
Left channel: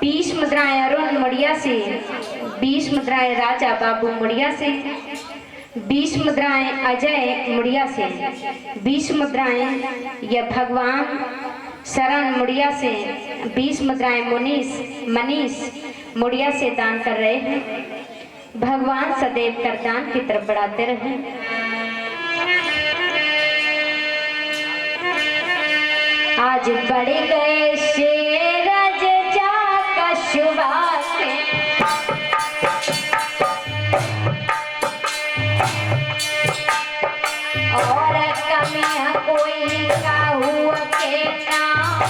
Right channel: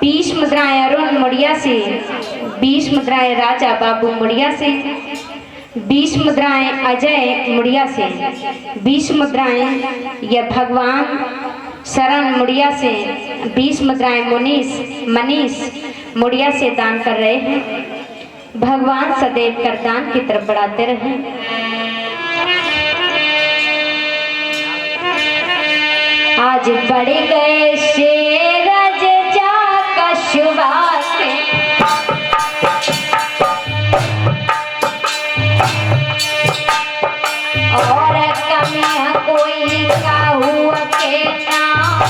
20 मुद्राएं अरुण मुड़िया से, 20 मुद्राएं राजा बाबू मुड़िया से, 20 मुद्राएं अजय मुड़िया से, 20 मुद्राएं यह भगवान शरण मुड़िया से, 20 मुद्राएं मनीष मुड़िया से दान कर रहे हैं। भगवान सदैव कर दान की तरफ बढ़ाते रहे। आज बढ़ गए शेरज जा कशुआ के, और कमियां कोई काहू के नाम,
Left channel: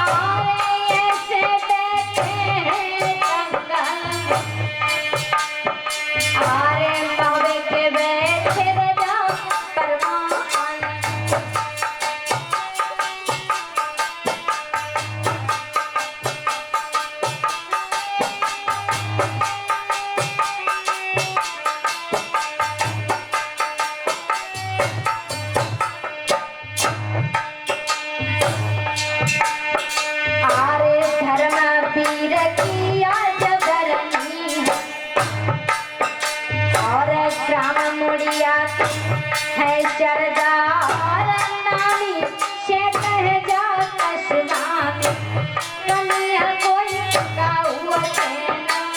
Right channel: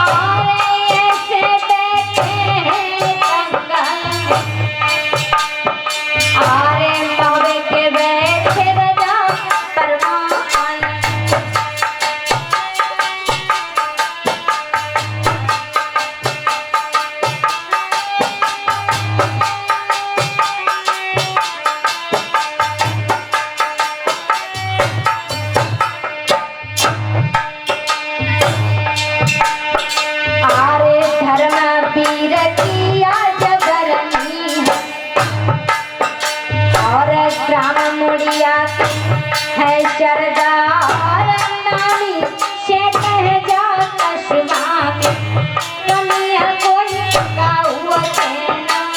और ऐसे बैठे हैं जंगल, आरे मवे के बैठे रजा परवान। वीर किया जगरनी और ग्राम मुड़िया है सरदार, नामी से कह जा कस्बा में, कमियां कोई काहू के नाम।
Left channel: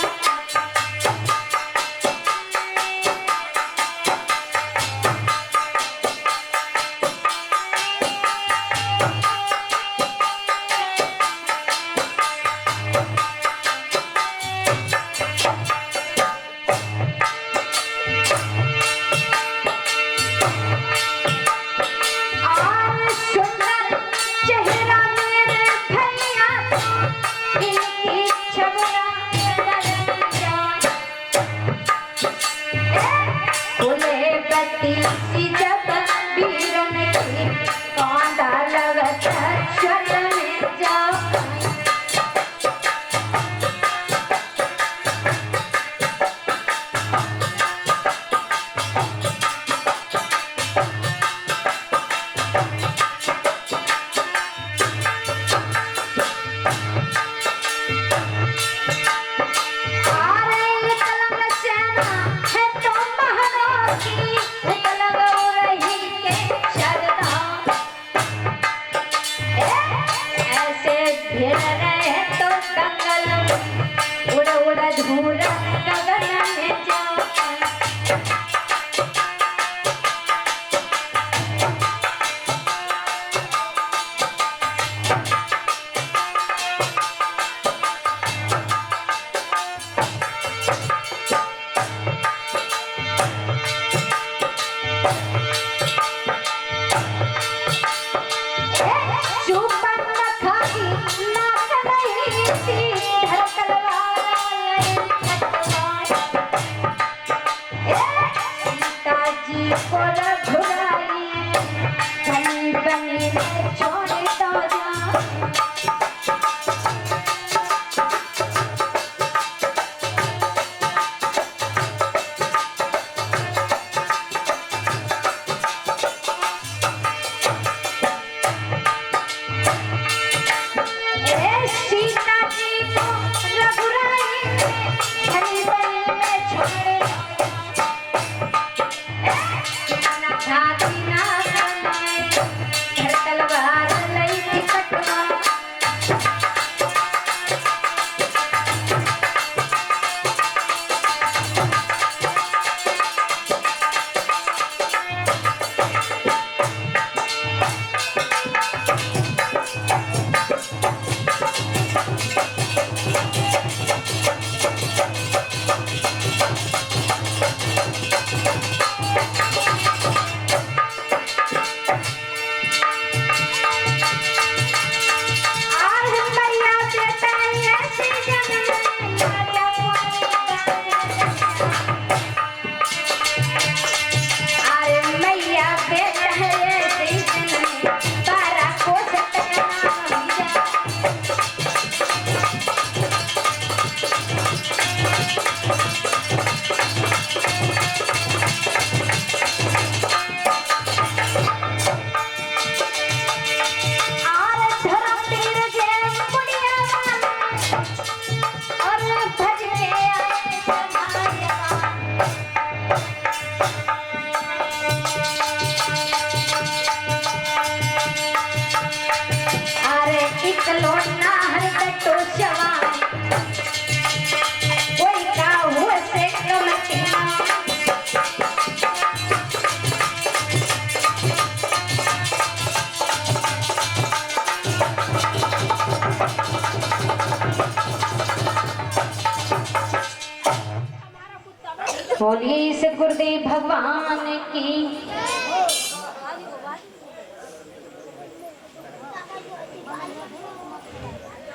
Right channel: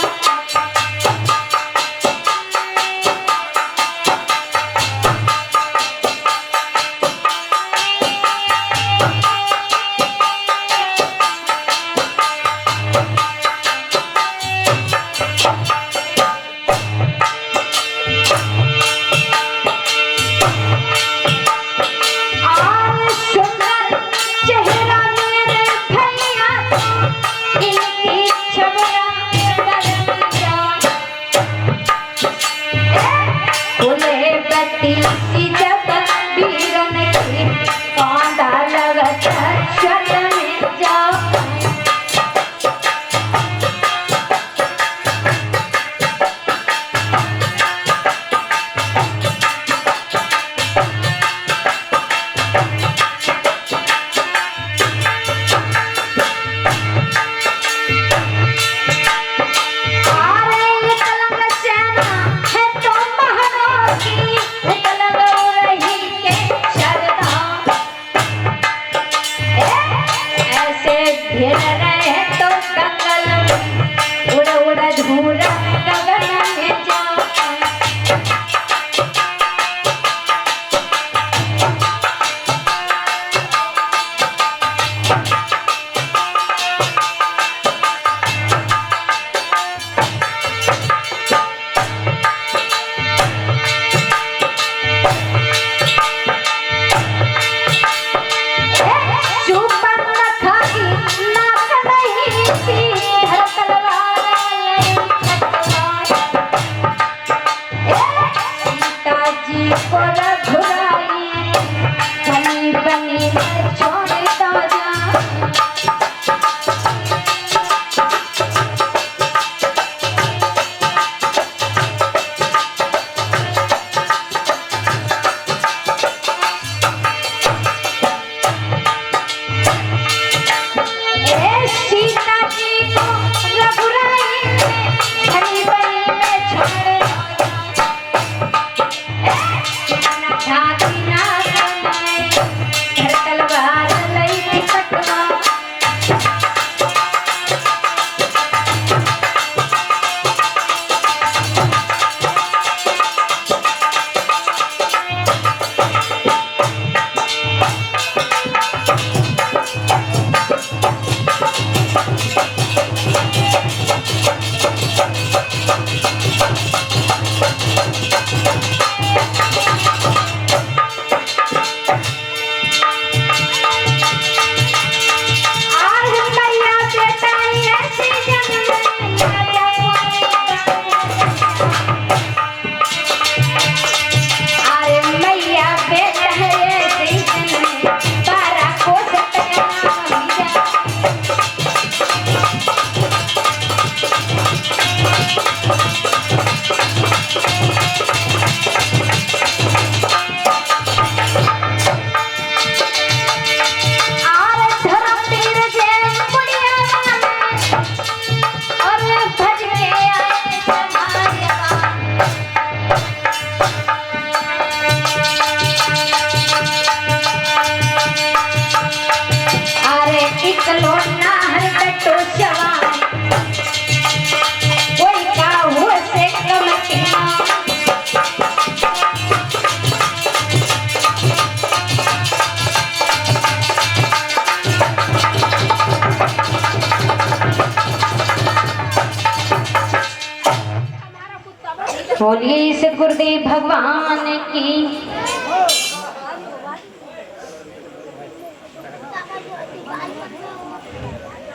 बोलिए इस गुरुदेव भगवान की।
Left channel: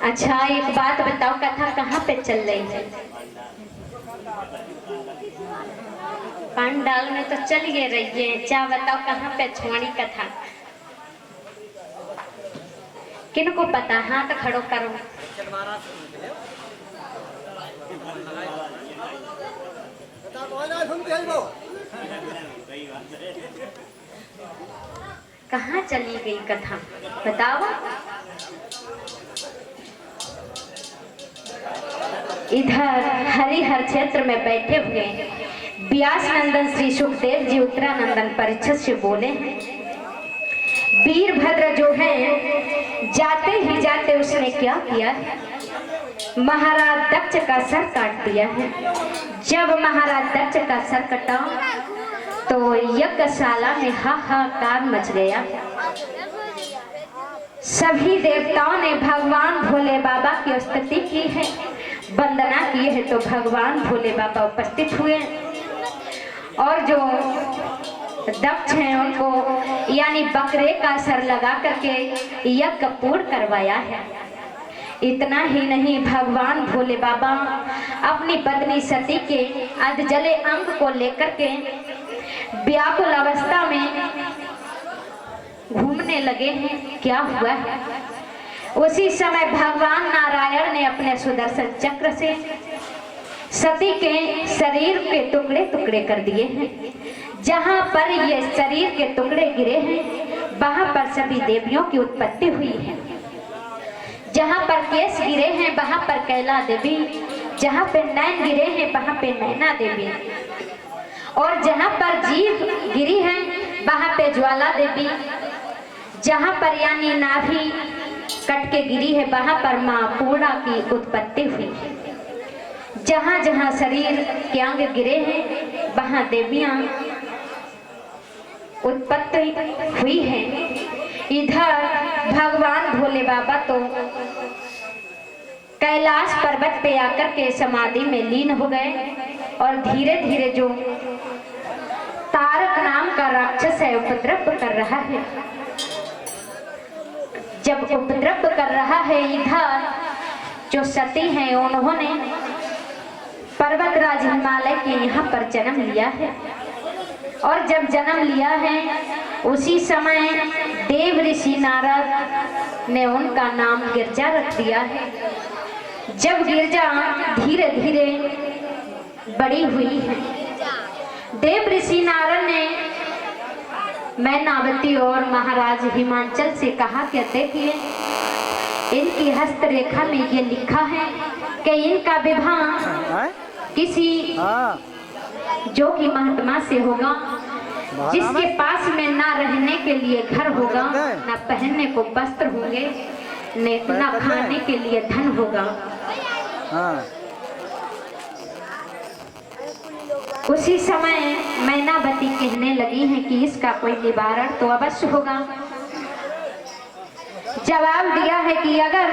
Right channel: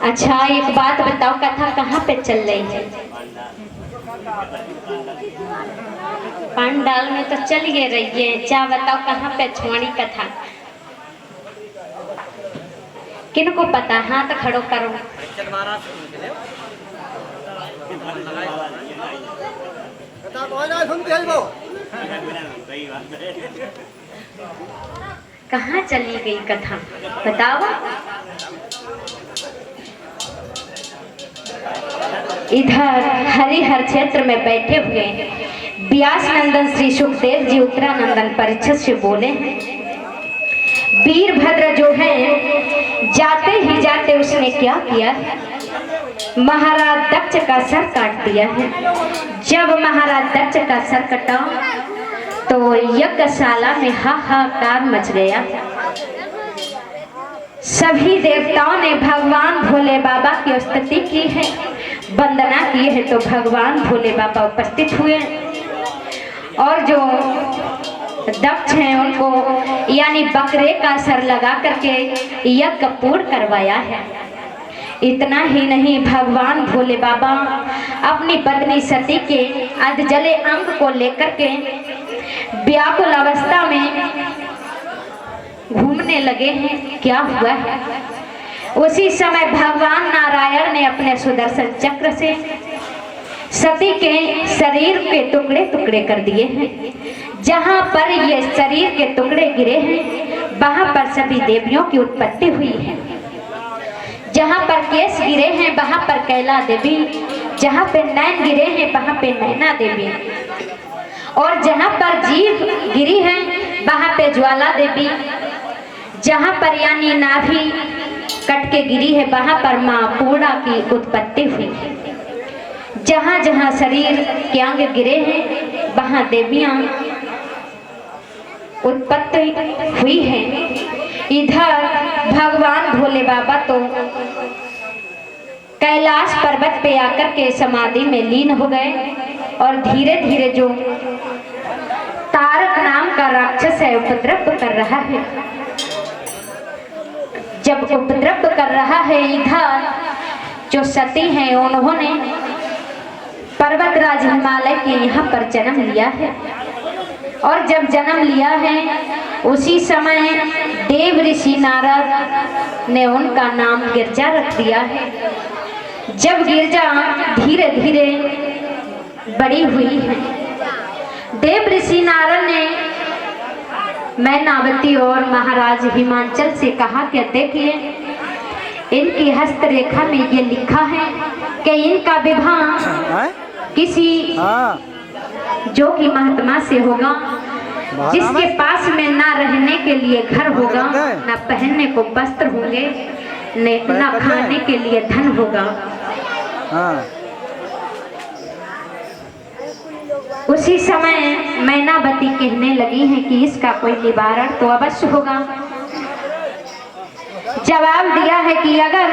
अच्छा एक बात बताओ, कथा कहाँ पे चल रही है? पंडाल में तो चलिए रही है, क्या बताओ कहाँ पे छुआनी कथा? किनको पता? हाथ खड़ो करो। कहाँ चली गई कथा बताओ? इधर हरिहर क्षेत्र में बैठे हुए व्यास नंदन श्री सुखदेव जी उत्तरानंदन परीक्षित से बोले, वीरभद्र जो है जाते ही जाते उसने क्या किया? महाराज दक्ष का सर काट दिया है। जब महाराज दक्ष का सर कटा तो यज्ञशाला में हाहाकार मच गया। सभी देवताओं ने भगवान भोले बाबा की स्तुति की है, वंदना की है, तो भगवान भोले बाबा उपस्थित हुए और जो दक्ष हैं उनको यानी बकरे का सर लगा करके यज्ञ पूर्ण करवाया है। इतना ही नहीं, भगवान भोले बाबा अपनी पत्नी सती के अधजले अंग को लेकर के व्याकुल अवस्था में घूमने लगे हैं। क्या हुआ है? उसी समय भगवान नारायण ने अपने सुदर्शन चक्र से सती के शरीर के टुकड़े टुकड़े कर दिए हैं। जहां पर ये शरीर के टुकड़े गिरे हैं वहां पर सभी देवियों की उत्पत्ति हुई है। जहां पर केस गिरे हैं वहां पर कैला देवी, जहां पे नैन गिरे हैं वहां पे नैना देवी, और जहां पर जीभ गिरी है वहां पे ज्वाला देवी, जहां पर यानी नाभि कट के गिरी है वहां पर मां पूर्णा की उत्पत्ति हुई है। जहां जहां शरीर के अंग गिरे हैं वहां देवियां उत्पत्ति हुई है। इधर भगवान भोले बाबा तो कैलाश पर्वत पे आकर के समाधि में लीन हो गए और धीरे धीरे जो तारक नाम का राक्षस है उपद्रव कर रहा है। जब उपद्रव कर रहा है, इधर जो सती हैं उन्होंने पर्वतराज हिमालय के यहाँ पर जन्म लिया है, और जब जन्म लिया है उसी समय देव ऋषि नारद ने उनका नाम गिरजा रख दिया है। जब गिरजा धीरे धीरे बड़ी हुई है, देव ऋषि नारद ने मैनावती और महाराज हिमांचल से कहा कि देखिए इनकी हस्तरेखा में ये लिखा है कि इनका विवाह किसी जो कि महात्मा से होगा, जिसके पास में ना रहने के लिए घर होगा, ना पहनने को वस्त्र होंगे, ना खाने के लिए धन होगा। उसी समय मैनावती कहने लगी है कि इसका कोई निवारण तो अवश्य होगा। जवाब दिया है कि अगर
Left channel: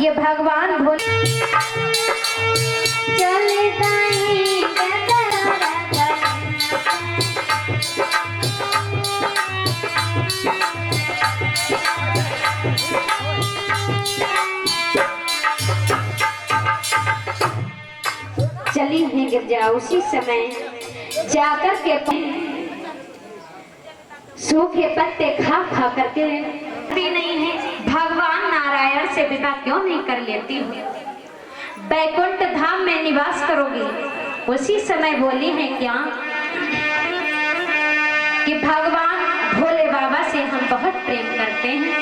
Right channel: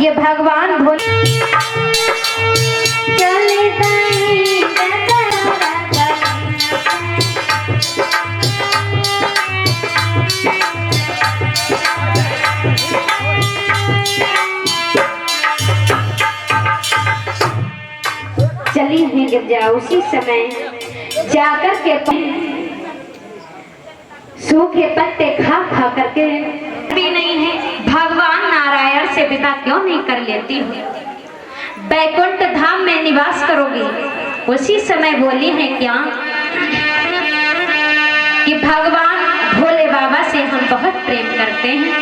ये भगवान भोले चली है गिरजा, उसी समय जाकर के सूखे पत्ते खा खा करके भी नहीं है भगवान नारायण से विदा क्यों नहीं कर लेती हूँ, बैकुंठ धाम में निवास करोगी। उसी समय बोली है क्या कि भगवान भोले बाबा से हम बहुत प्रेम करते हैं,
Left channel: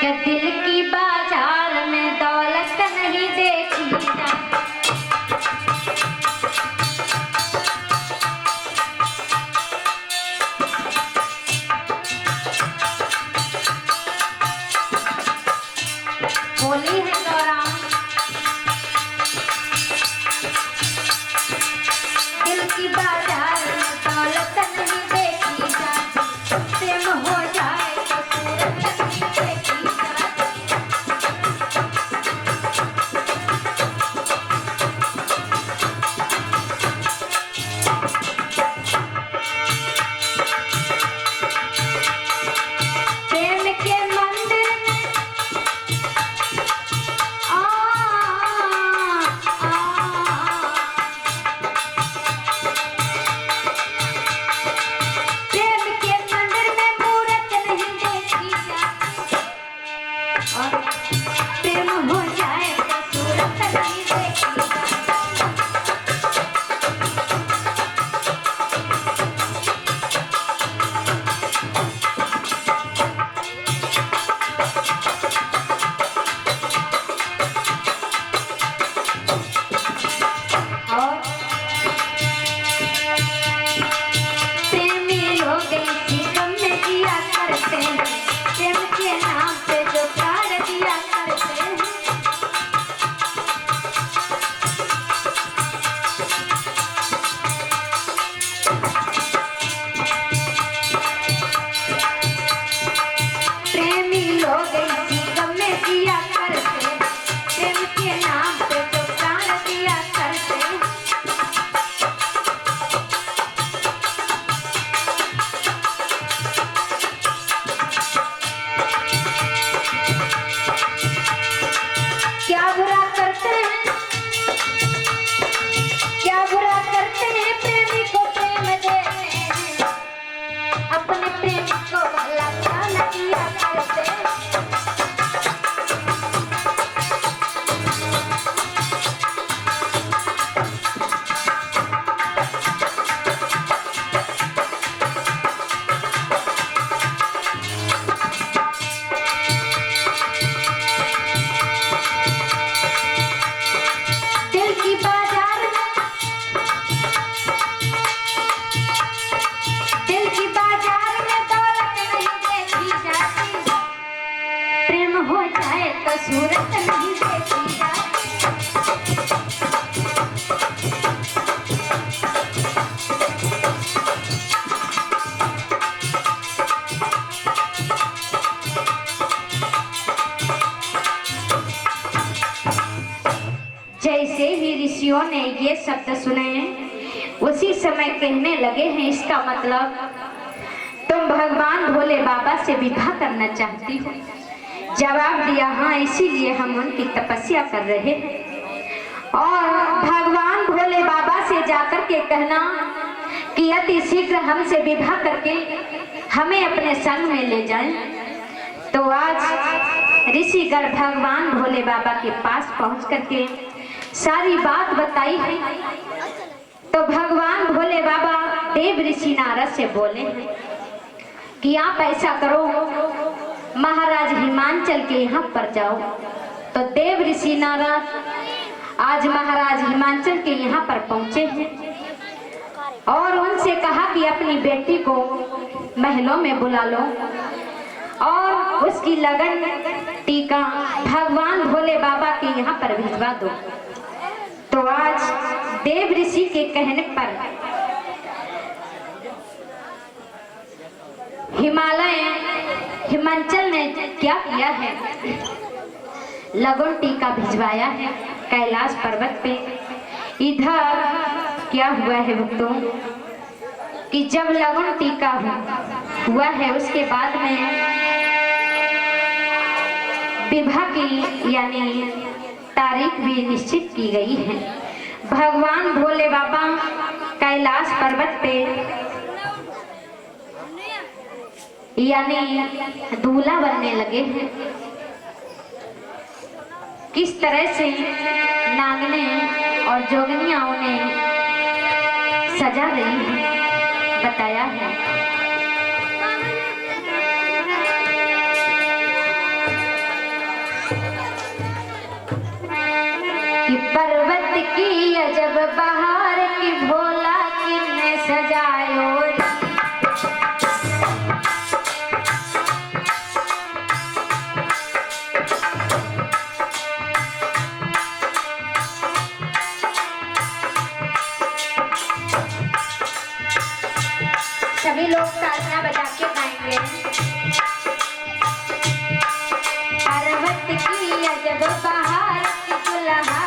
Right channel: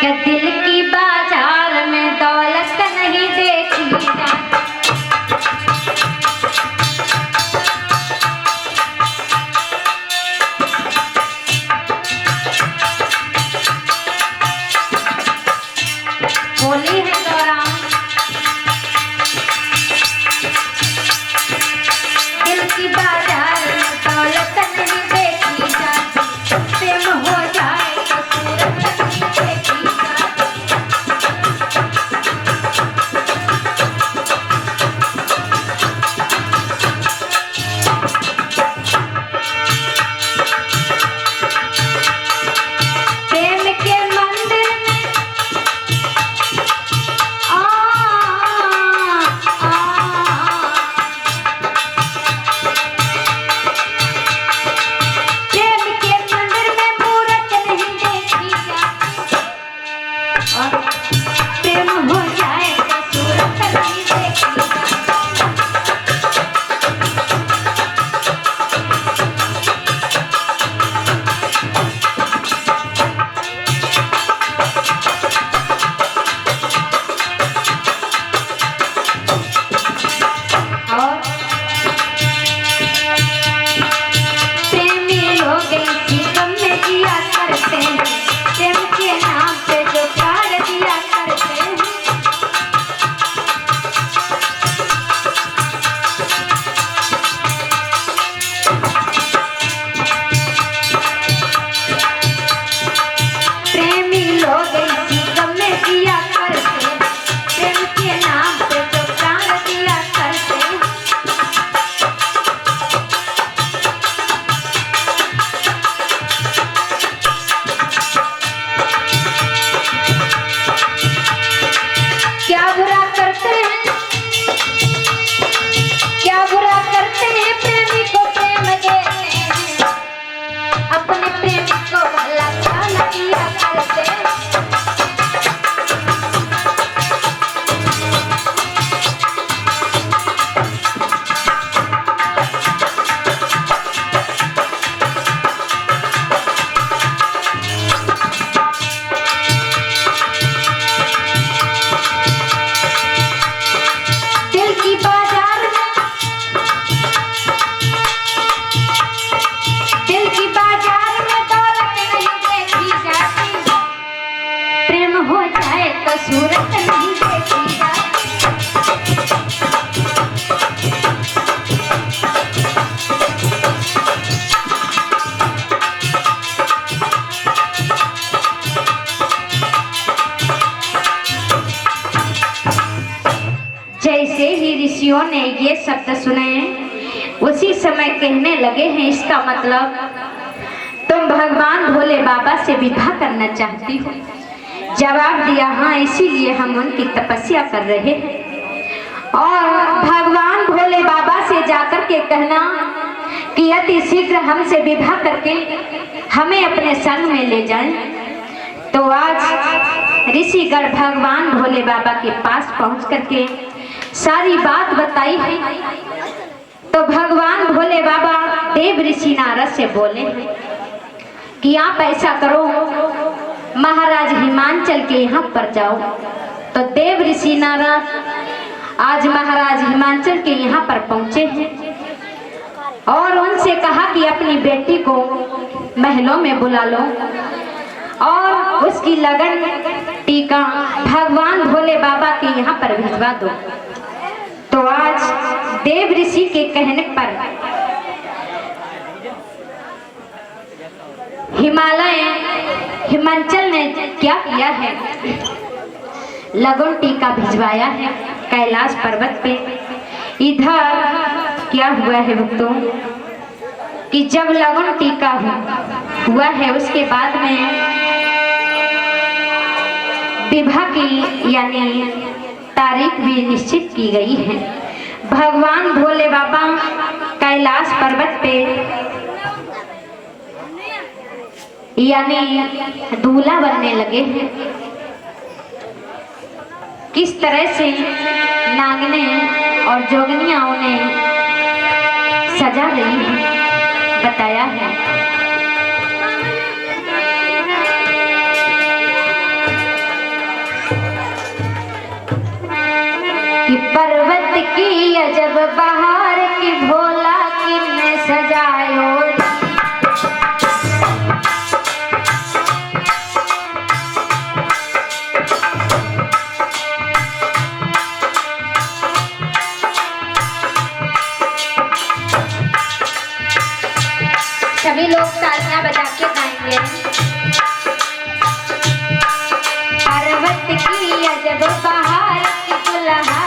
कि दिल की बाजार में दौलत नहीं देखी जाती। बोली है गौराम, दिल की बाजार में दौलत नहीं देखी जाती, प्रेम हो जाए तो सूरत नहीं देखी जाती। ही ऋषियों ने ये शब्द सुने, उसी समय कहने लगे हैं इसका मतलब तुम भगवान भोले बाबा से विवाह करना चाहती हो। जवाब दिया हाँ, इसीलिए हम उनकी तपस्या कर रहे हैं। और भगवान भोले बाबा से जाकर के कहना कि अति शीघ्र हमसे विवाह करके हमें अपने संग में ले जाएं। तो आज ऋषिगण भगवान भोले बाबा के पास पहुंच करके सारी बात बताई है। तो भगवान भोले बाबा देव ऋषि नारद से बोले कि आप ऐसा करो, महाराज हिमांचल के यहाँ पर जाओ। तो देव ऋषि नारद आज महाराज हिमांचल के यहाँ पर पहुंचे हैं और उनसे कहा कि अपनी बेटी को महलों में बुला लो और उसकी लगन टीका भगवान भोले बाबा के यहाँ पर भिजवा दो। तो आज देव ऋषि के कहने पर हिमांचल ने क्या किया है, लगन टीका भिजवाया है कैलाश पर्वत पे। इधर क्या हुआ है भक्तों कि जब लगन टीका हुआ है उसके बाद में विवाह की यानी तारीख भी निश्चित की गई है। भगवान भोले बाबा कैलाश पर्वत पे यानी दूल्हा बनने लगे हैं। किस तरह से नागने और जोगनियां उन्हें सजा रही है बताया है। कि पर्वत की अजब बहार की भोला की में सजायो, सभी लोग तालियां बजा के गाएंगे। पर्वत की अजब बहार की दुल्हा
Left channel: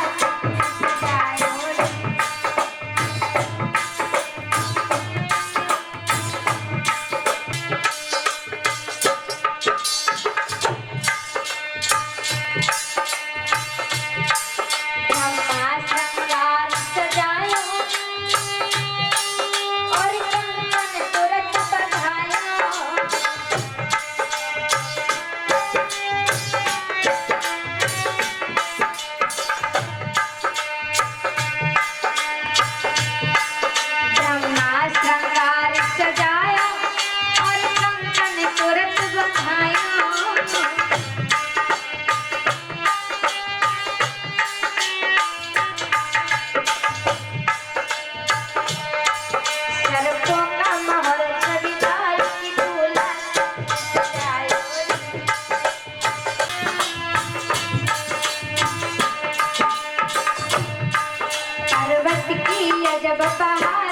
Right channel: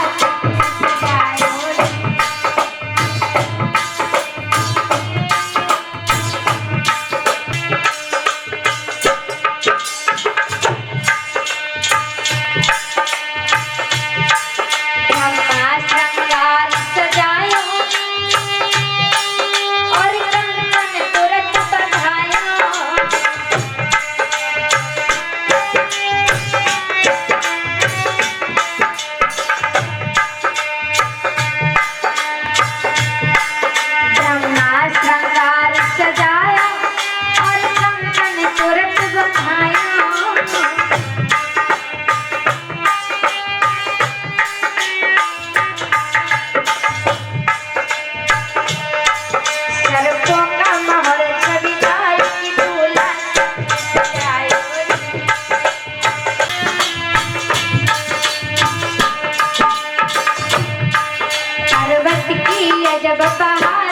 जब बहार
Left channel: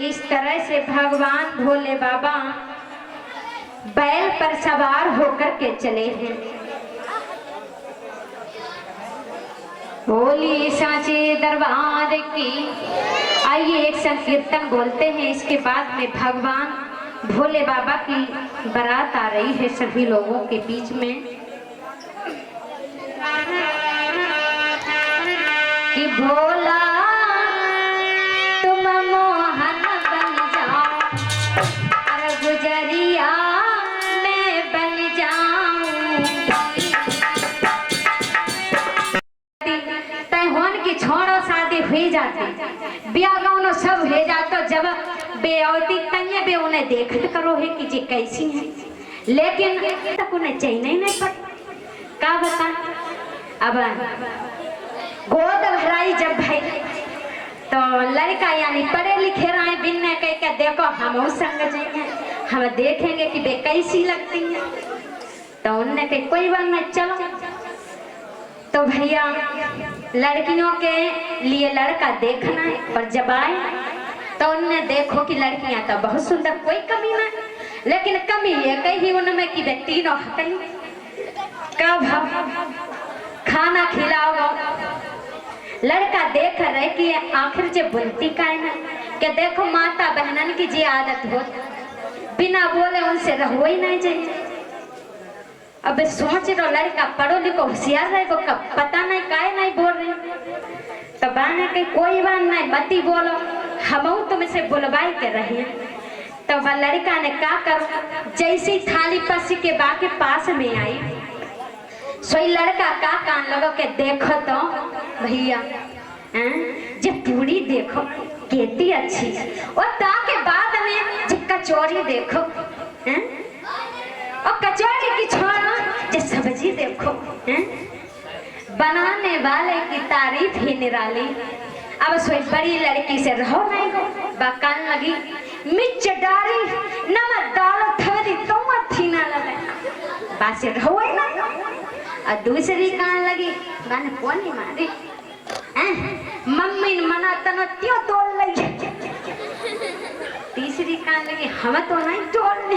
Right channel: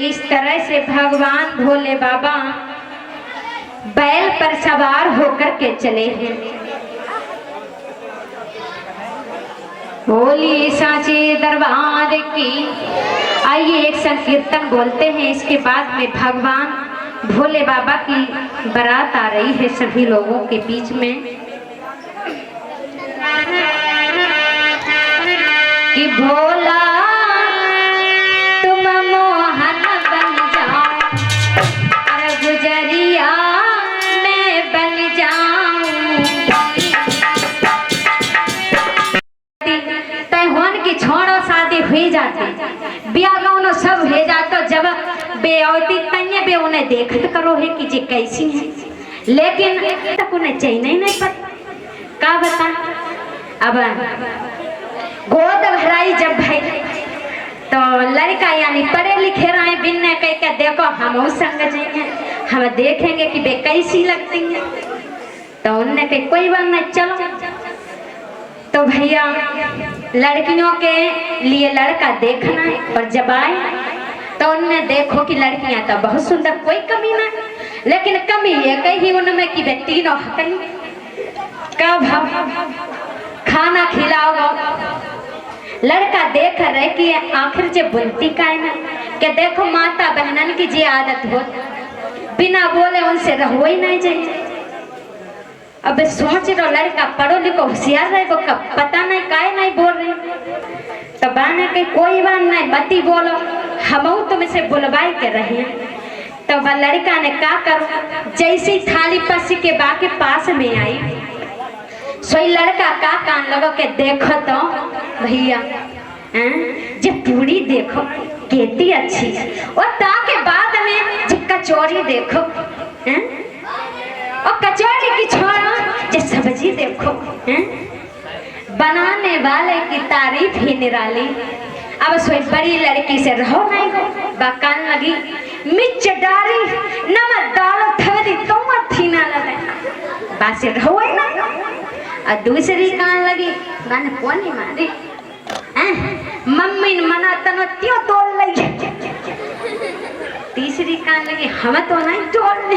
इस तरह से भगवान भोले बाबा बैल पर सवार होकर के चले हैं। बोली सांचे दरबार की। आइए एक संकीर्तन बोलते हैं, इसके बाद में भगवान भोले बाबा की बारात आ रही है सभी लोगों के बीच में कि भोला तुम मोहन बन जाओ और गुजरिया मैं बन जाऊं। तैहोन की छोड़ो शादी हुई जाती, ब्याह गाउनो सब हो जातो, जब बेऔती तन्ये बे उन्हें देखत करो है कि जे कैसी है, लेकिन तक उन्हें चाहिए नहीं पता का बता। अब गोद भराई जब भाई तो लड़का यानी पढ़े लिखे रहे बिन्ने कह के देखो हम संग जाएंगे, हम देखेंगे कि बे कैसी लगती है। तो उनने कही कोई बात नहीं चलो। तो भैया लड़कियों के लिए लड़का देखना है, और जब आए तो उनने देखो कि लड़कियां तो बहुत सुंदर, कोई कमी ना, लेकिन कमी है कही उनमें कि वे तीनों हकनी कब खाना खिलाओ। लड़का देख रहे कि आखिर जे बोलती का है ना कि देखो माता बहनन की जी आदत हो, बिना बोले उनसे रहो ही नहीं चाहिए। अब सोच रो लड़का पढ़ो लिखो होशियार रहे, कब पता नहीं काहे नहीं बोल रहे। तो बाने के कोई बात नहीं मती बोलो, हम तुमसे बुलवाई के रहे। तो वह लड़का ने क्या करो, जैसी थाली पसी के बाके पास में आई, सोई लड़का का कान लगो के देखो तो भैया जब पूरी देखो कितनी अच्छी, और ताके बाद में जब कचौरी देखो और कचौरी की छोड़ो जब सब्जी देखो, बनाने वाले की तारीफ ही निराली। अब सोई बड़ी लड़की से रहो नहीं हो, बकान लगी मिर्च डाली नमक डालो थरी तुम थी ना लगे बस रहो ही नहीं। और दूसरी कान लगी मैंने कोनी मारी मम्मी ने मना तनो त्यो तोड़ लगी। तीसरी कान लगी हम तो नहीं तोड़ने,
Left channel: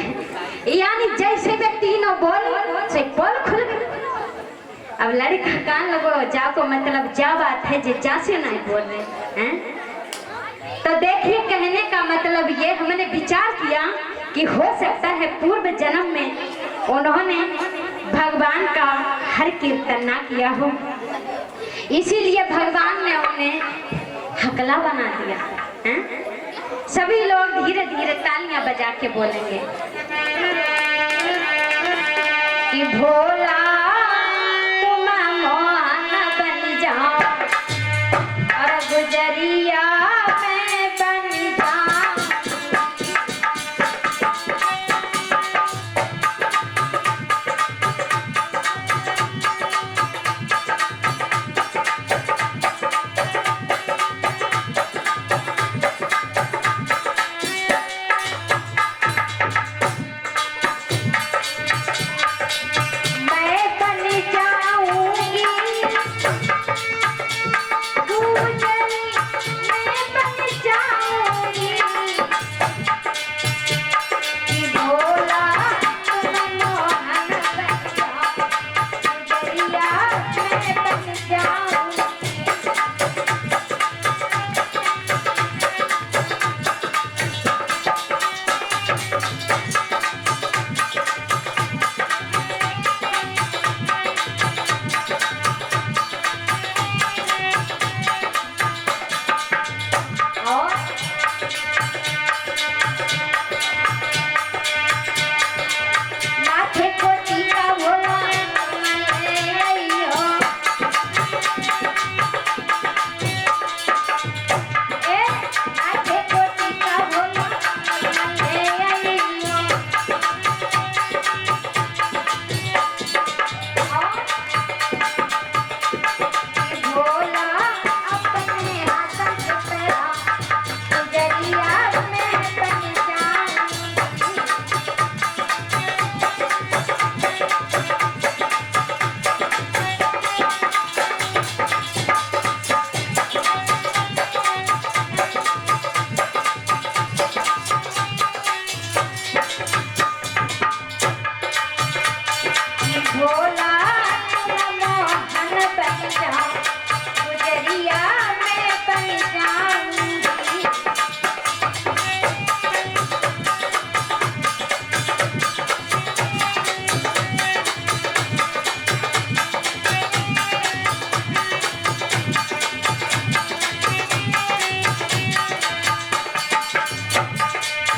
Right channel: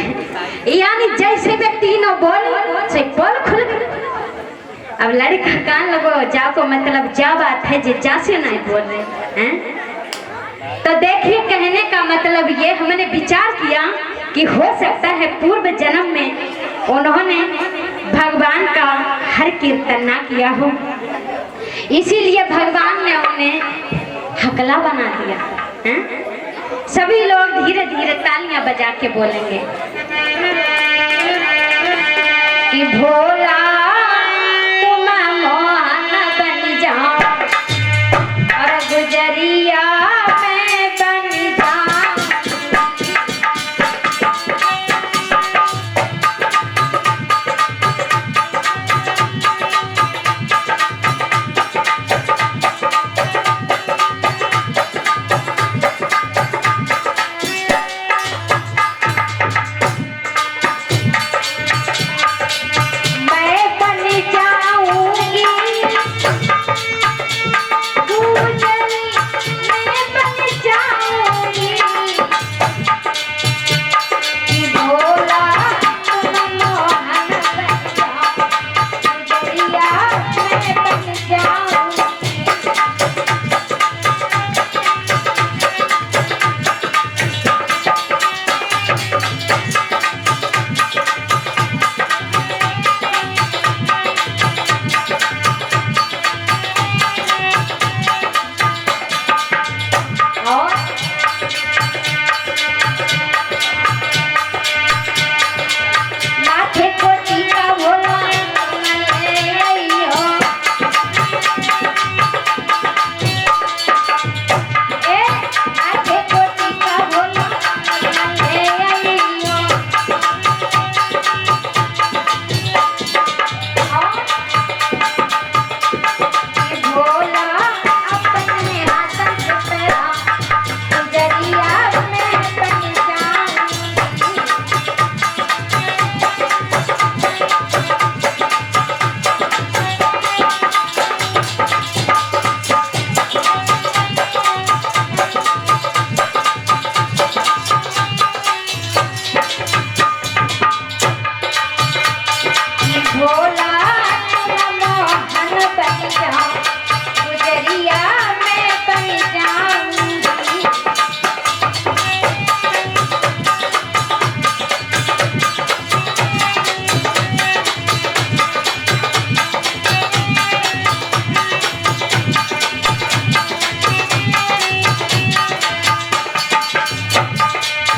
यानी जैसे वे तीनों बोली से पोल खुल गई। अब लड़का कान लगो जाको मतलब जा बात है जे जा से नहीं बोल रहे हैं। तो देखिए कहने का मतलब ये हमने विचार किया कि हो सकता है पूर्व जन्म में उन्होंने भगवान का हर कीर्तन ना किया हो, इसीलिए भगवान ने उन्हें हकला बना दिया है? सभी लोग धीरे धीरे तालियां बजा के बोलेंगे कि भोला तुम मोहन बन जाओ और गुजरिया मैं बन जाऊं।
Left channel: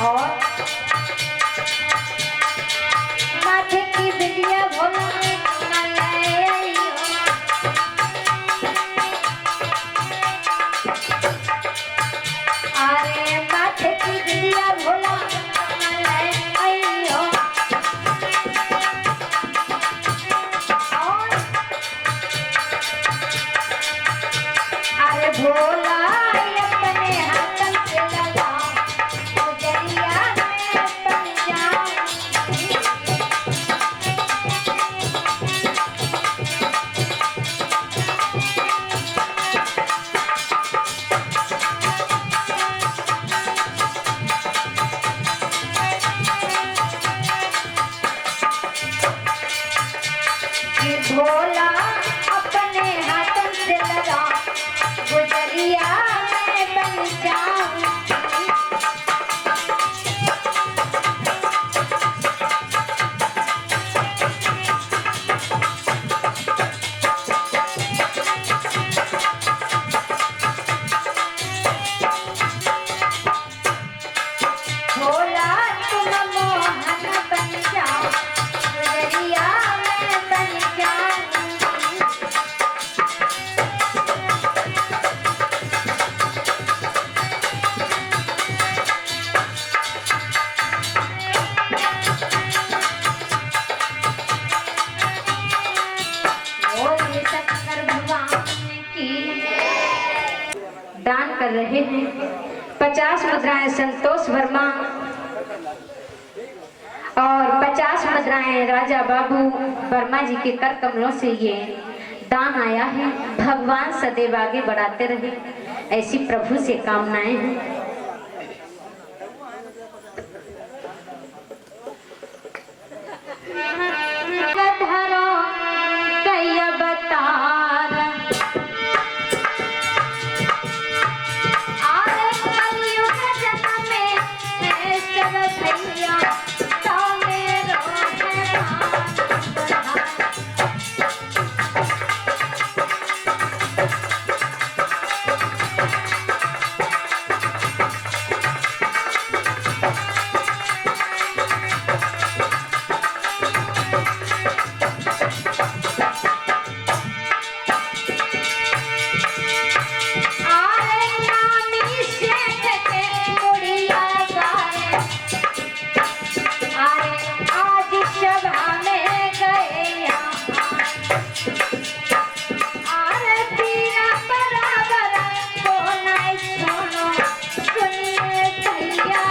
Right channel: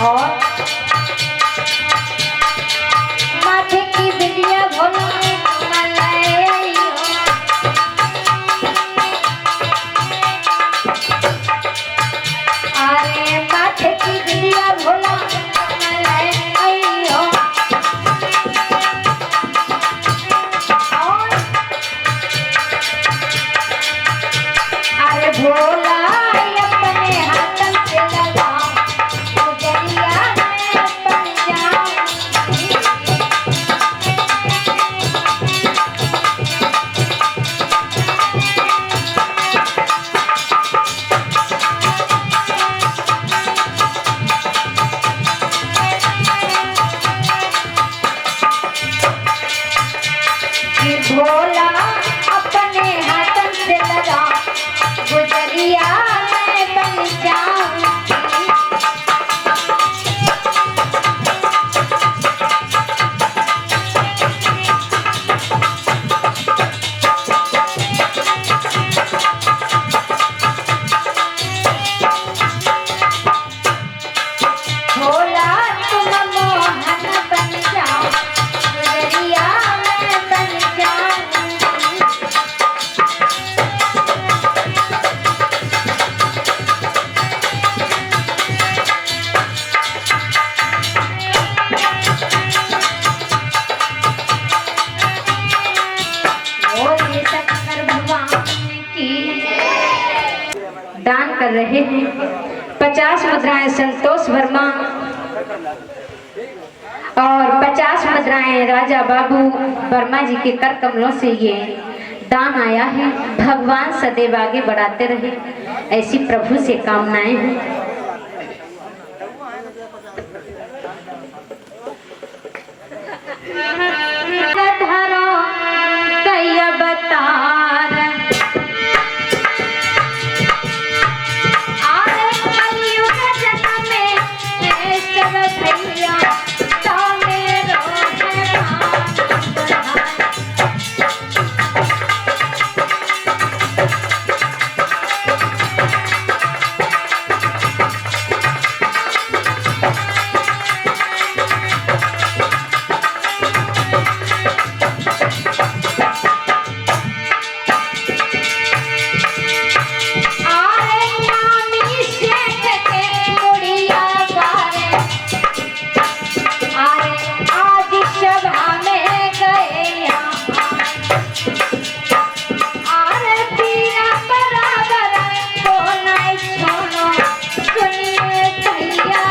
और माथे की बिंदिया भोला मलाई हो। अरे माथे की बिंदिया भोला मलाई हो। अरे भोला अपने हाथन से लगा गुजरिया में बन जाऊंगी। कि भोला अपने हाथन से लगा गुजरिया में बन जाऊंगी। भोला तुम मोहन बन जाओ गुजरिया में बन जाऊंगी। बोलिए शंकर भगवान की। दान कर रहे हैं 50 मुद्राएं संतोष वर्मा और 50 मुद्राएं राजा बाबू वर्मा जी के कर कमलों से ये दान आया है। भगवान सदैव आगे बढ़ाते रहे, ऐसी प्रभु से कामनाएं हैं। धरो कई अवतार आरे कलयुग जन्म में है सब भैया तो मेरो है मान। आरे नानी सेठ के मुड़िया गाए। आरे आज सभा में गए यहाँ। आरे पीरा बराबर को नहीं छोड़ो सुनिए भैया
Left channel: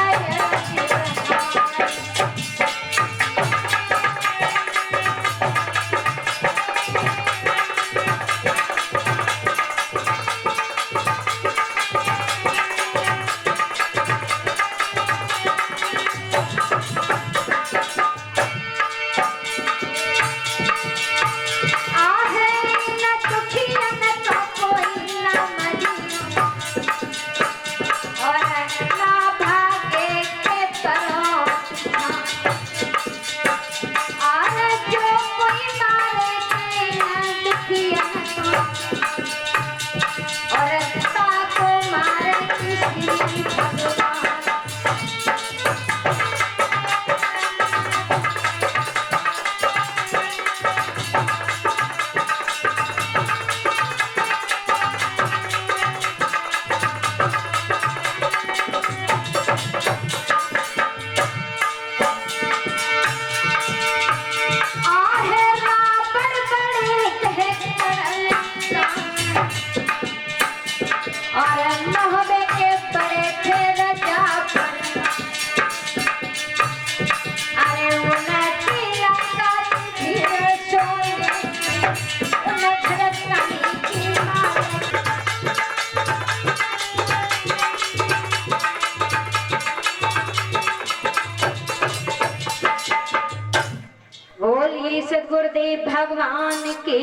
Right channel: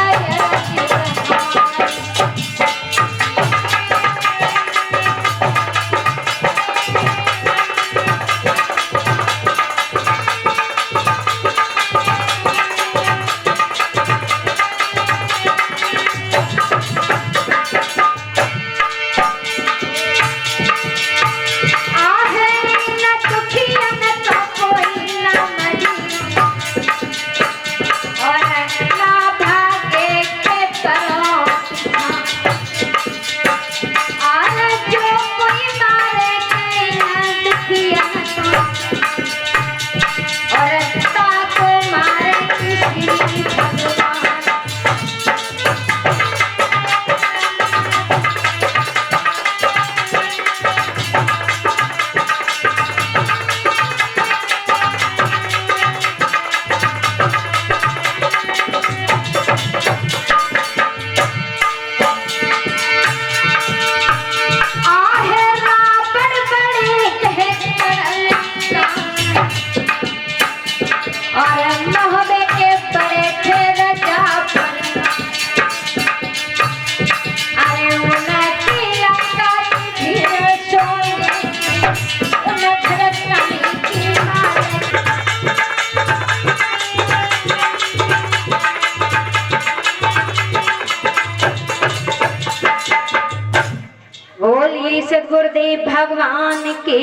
सदगुरुदेव भगवान की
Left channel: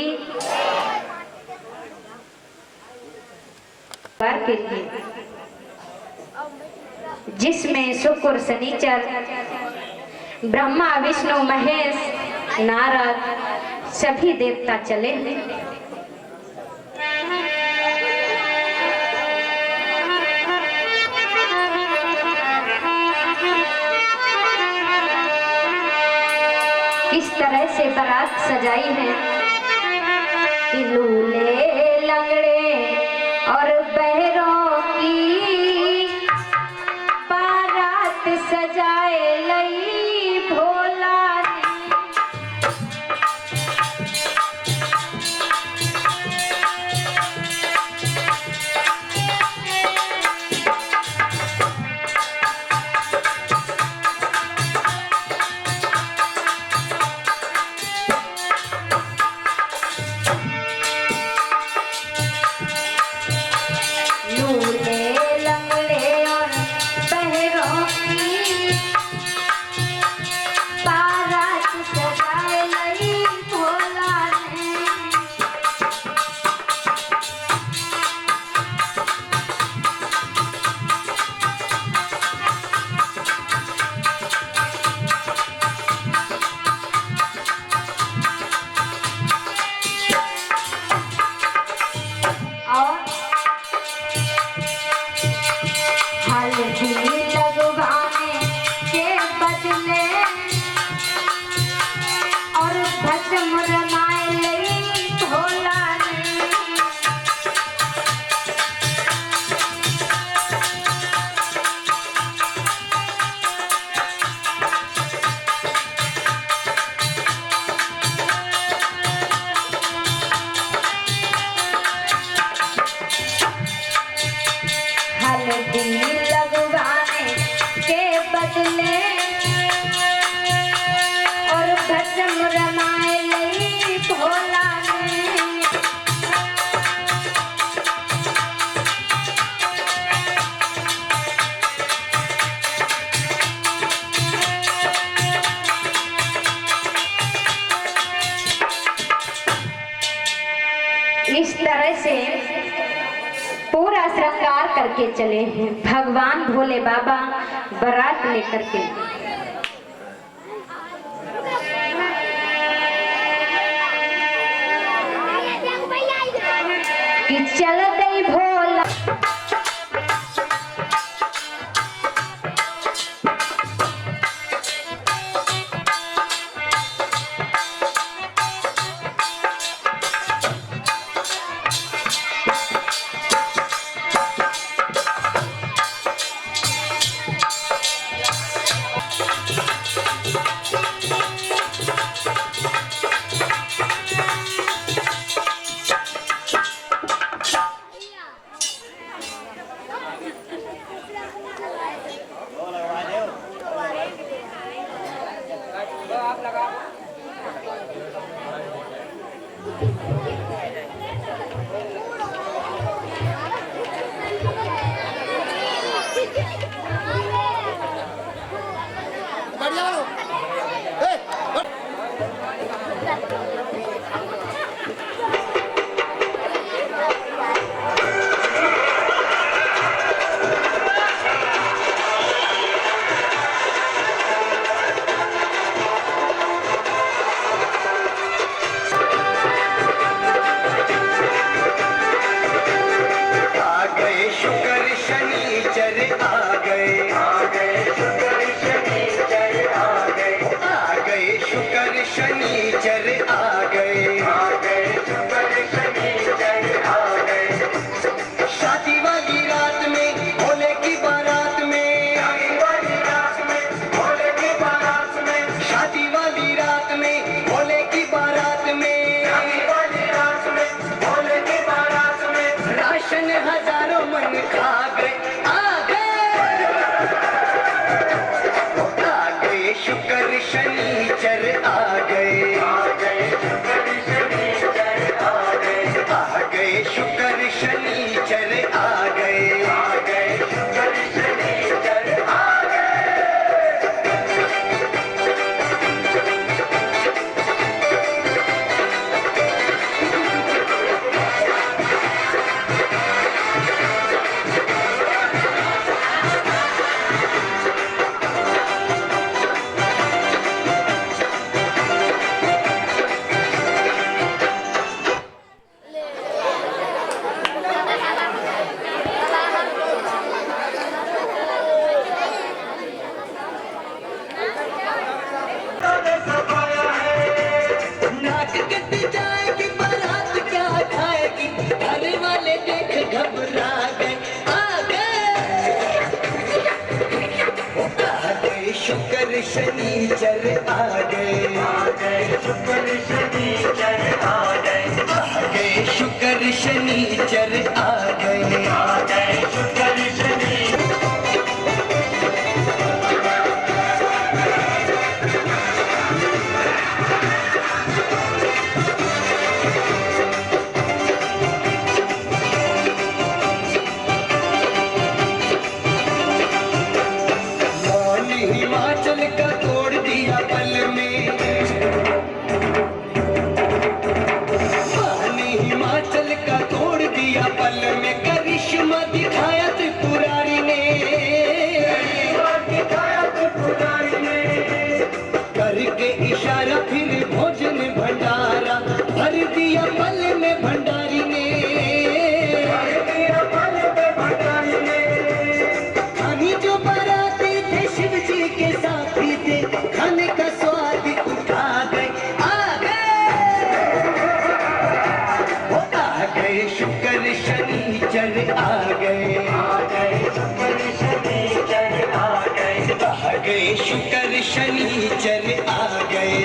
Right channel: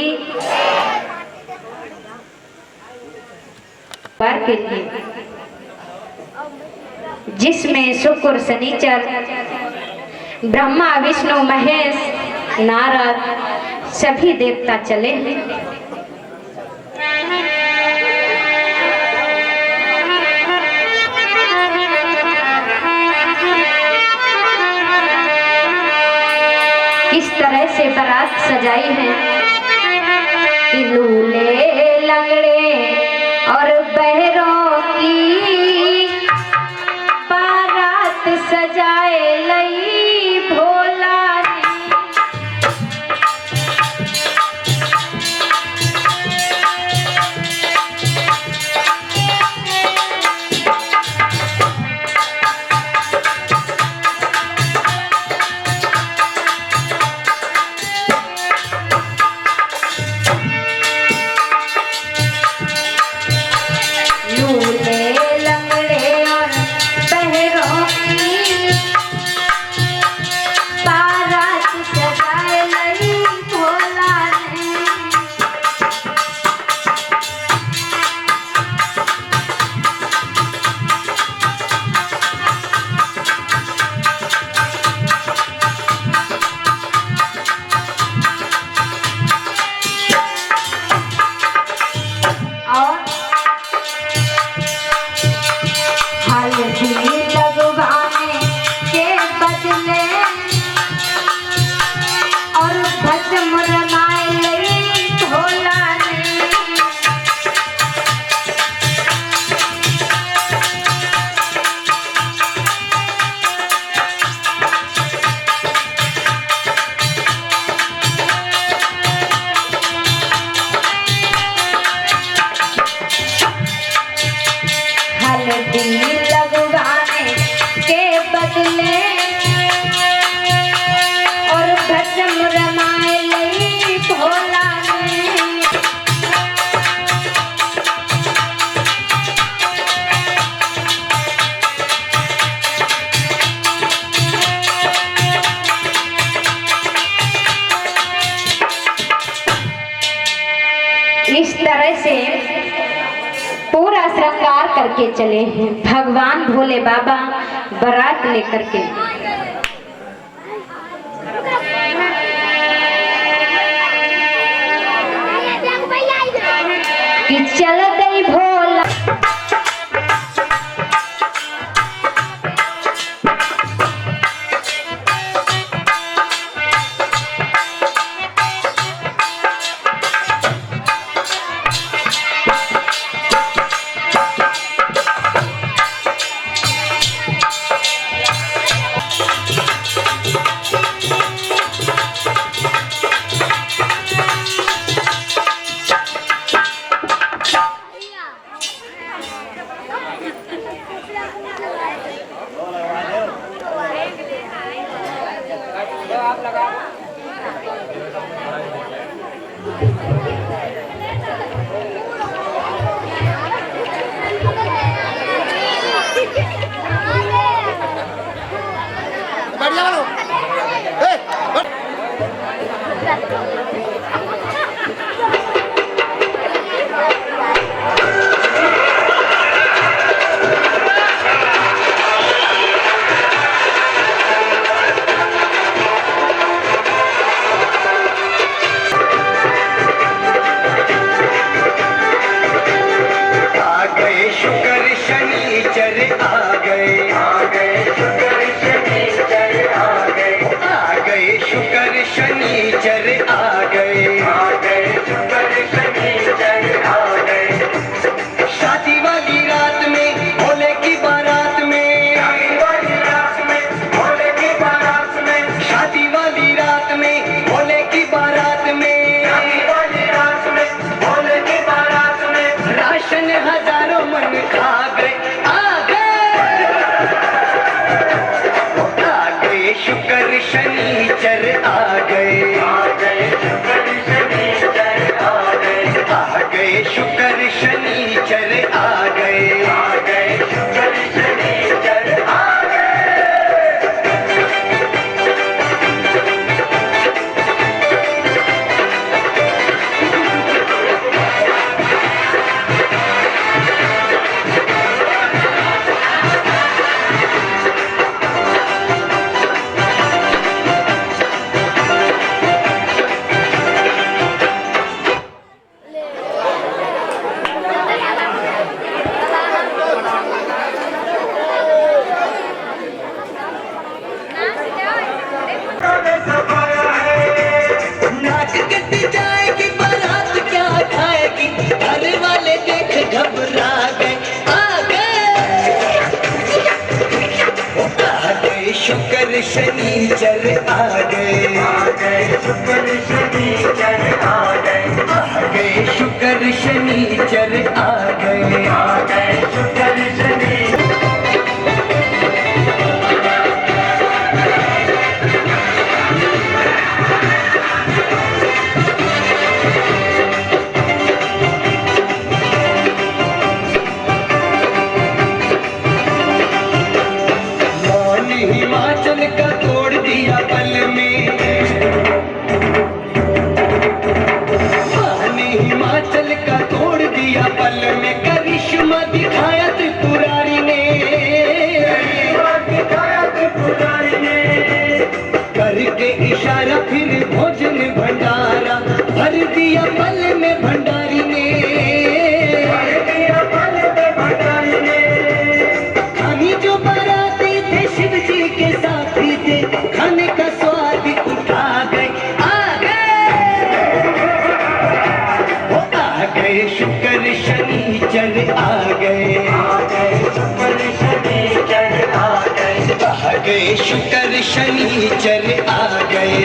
बार के लिए जिसमें शुक्र शनिचर ब्रह्मा विष्णु महेश नारद सभी देवता चले हैं। किस तरह से बारात सजाई है कि लूले लंगड़े और बहरों की बारात सजाए लई भोला ने। लूले लंगड़े और बहरों की बारात सजाए लई भोला ने। और हल्दी लगवाने के बदले और भस्म रमाए लई भोला ने। हल्दी लगवाने के बदले और भस्म रमाए लई भोला ने। इस तरह से पूरा श्रृंगार करके चले हैं भगवान भोले बाबा बारात लेकर के। कि चल गई भोला शनिचर आ शुक्र शनिचर आ गए शुक्र शनिचर आ गए शुक्र शनिचर आ गए शुक्र शनि हिमाचल का तोड़ दिया पल में हिमाचल का तोड़ दिया पल में करिश्मा दिखाया त्रिपुरारी ने करके इशारा फिर भोजन भंडारा भर दिया पल में भंडारी ने खानी जो बाराती थे शिव जी के साथी थे खाने का स्वाद उठा गए आ गए शुक्र शनिचर आ गए शुक्र शनिचर आ गए शुक्र शनिचर आ गए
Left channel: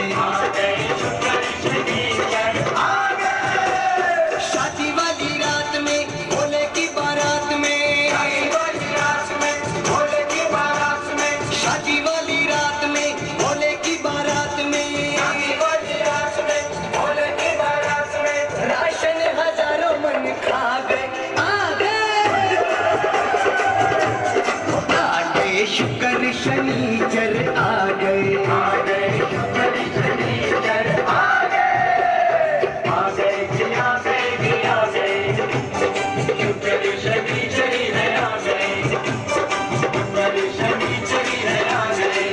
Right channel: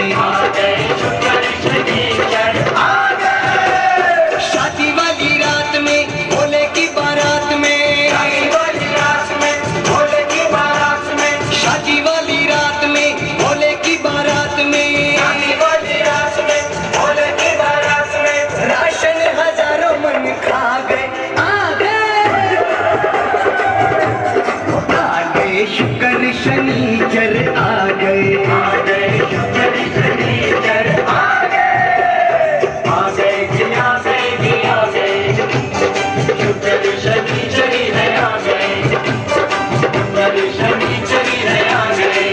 शुक्र शनिचर आ गए शादी वाली रात में भोले की बारात में शादी वाली रात में भोले की बारात में शादी वाली रात में भोले की बारात में शादी वाली रात में भोले की बारात में राशन हजारों मन खा गए आ गए शुक्र शनिचर आ गए शुक्र शनिचर आ गए शुक्र शनिचर है आ गए शुक्र शनिचर है आ गए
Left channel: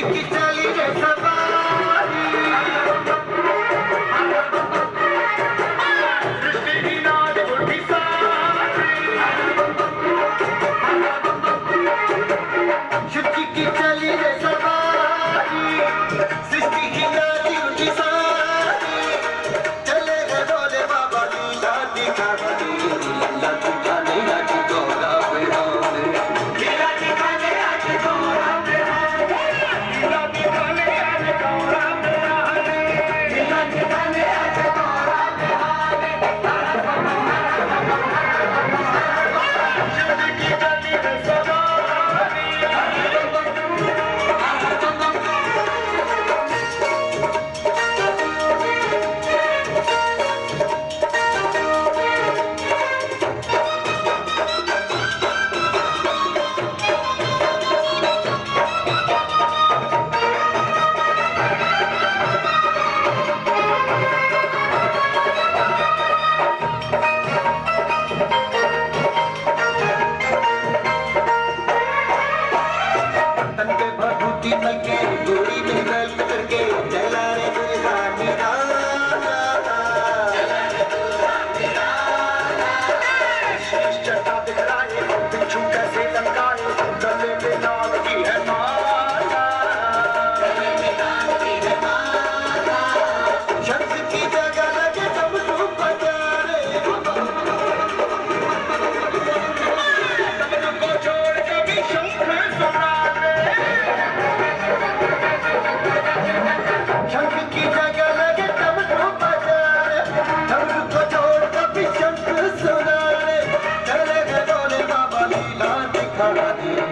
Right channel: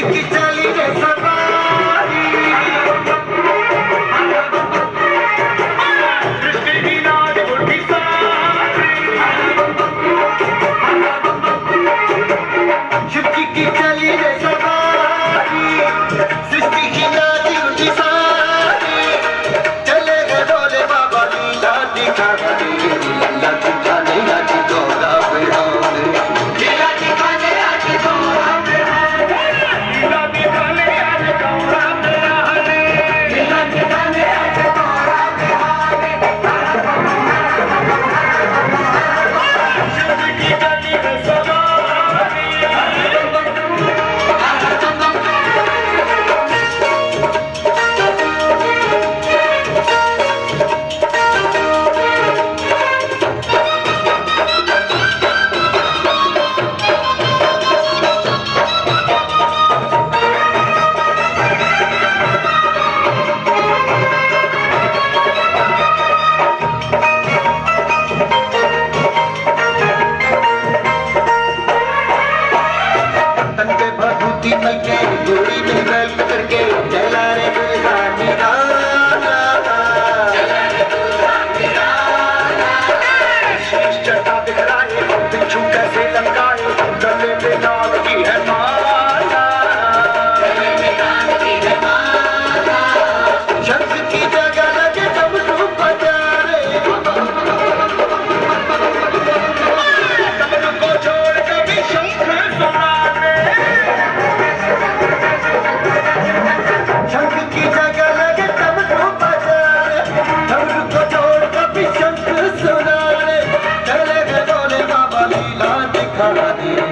की चली रे सवारी सृष्टि की नाद उठी सारी शिव जी की चली रे सवारी सृष्टि की नाद उठी सारी चले गए डोले बाबा लीला दिखा लीला दिखाने आज गौरा बिहार लीला दिखाने आज गौरा दिया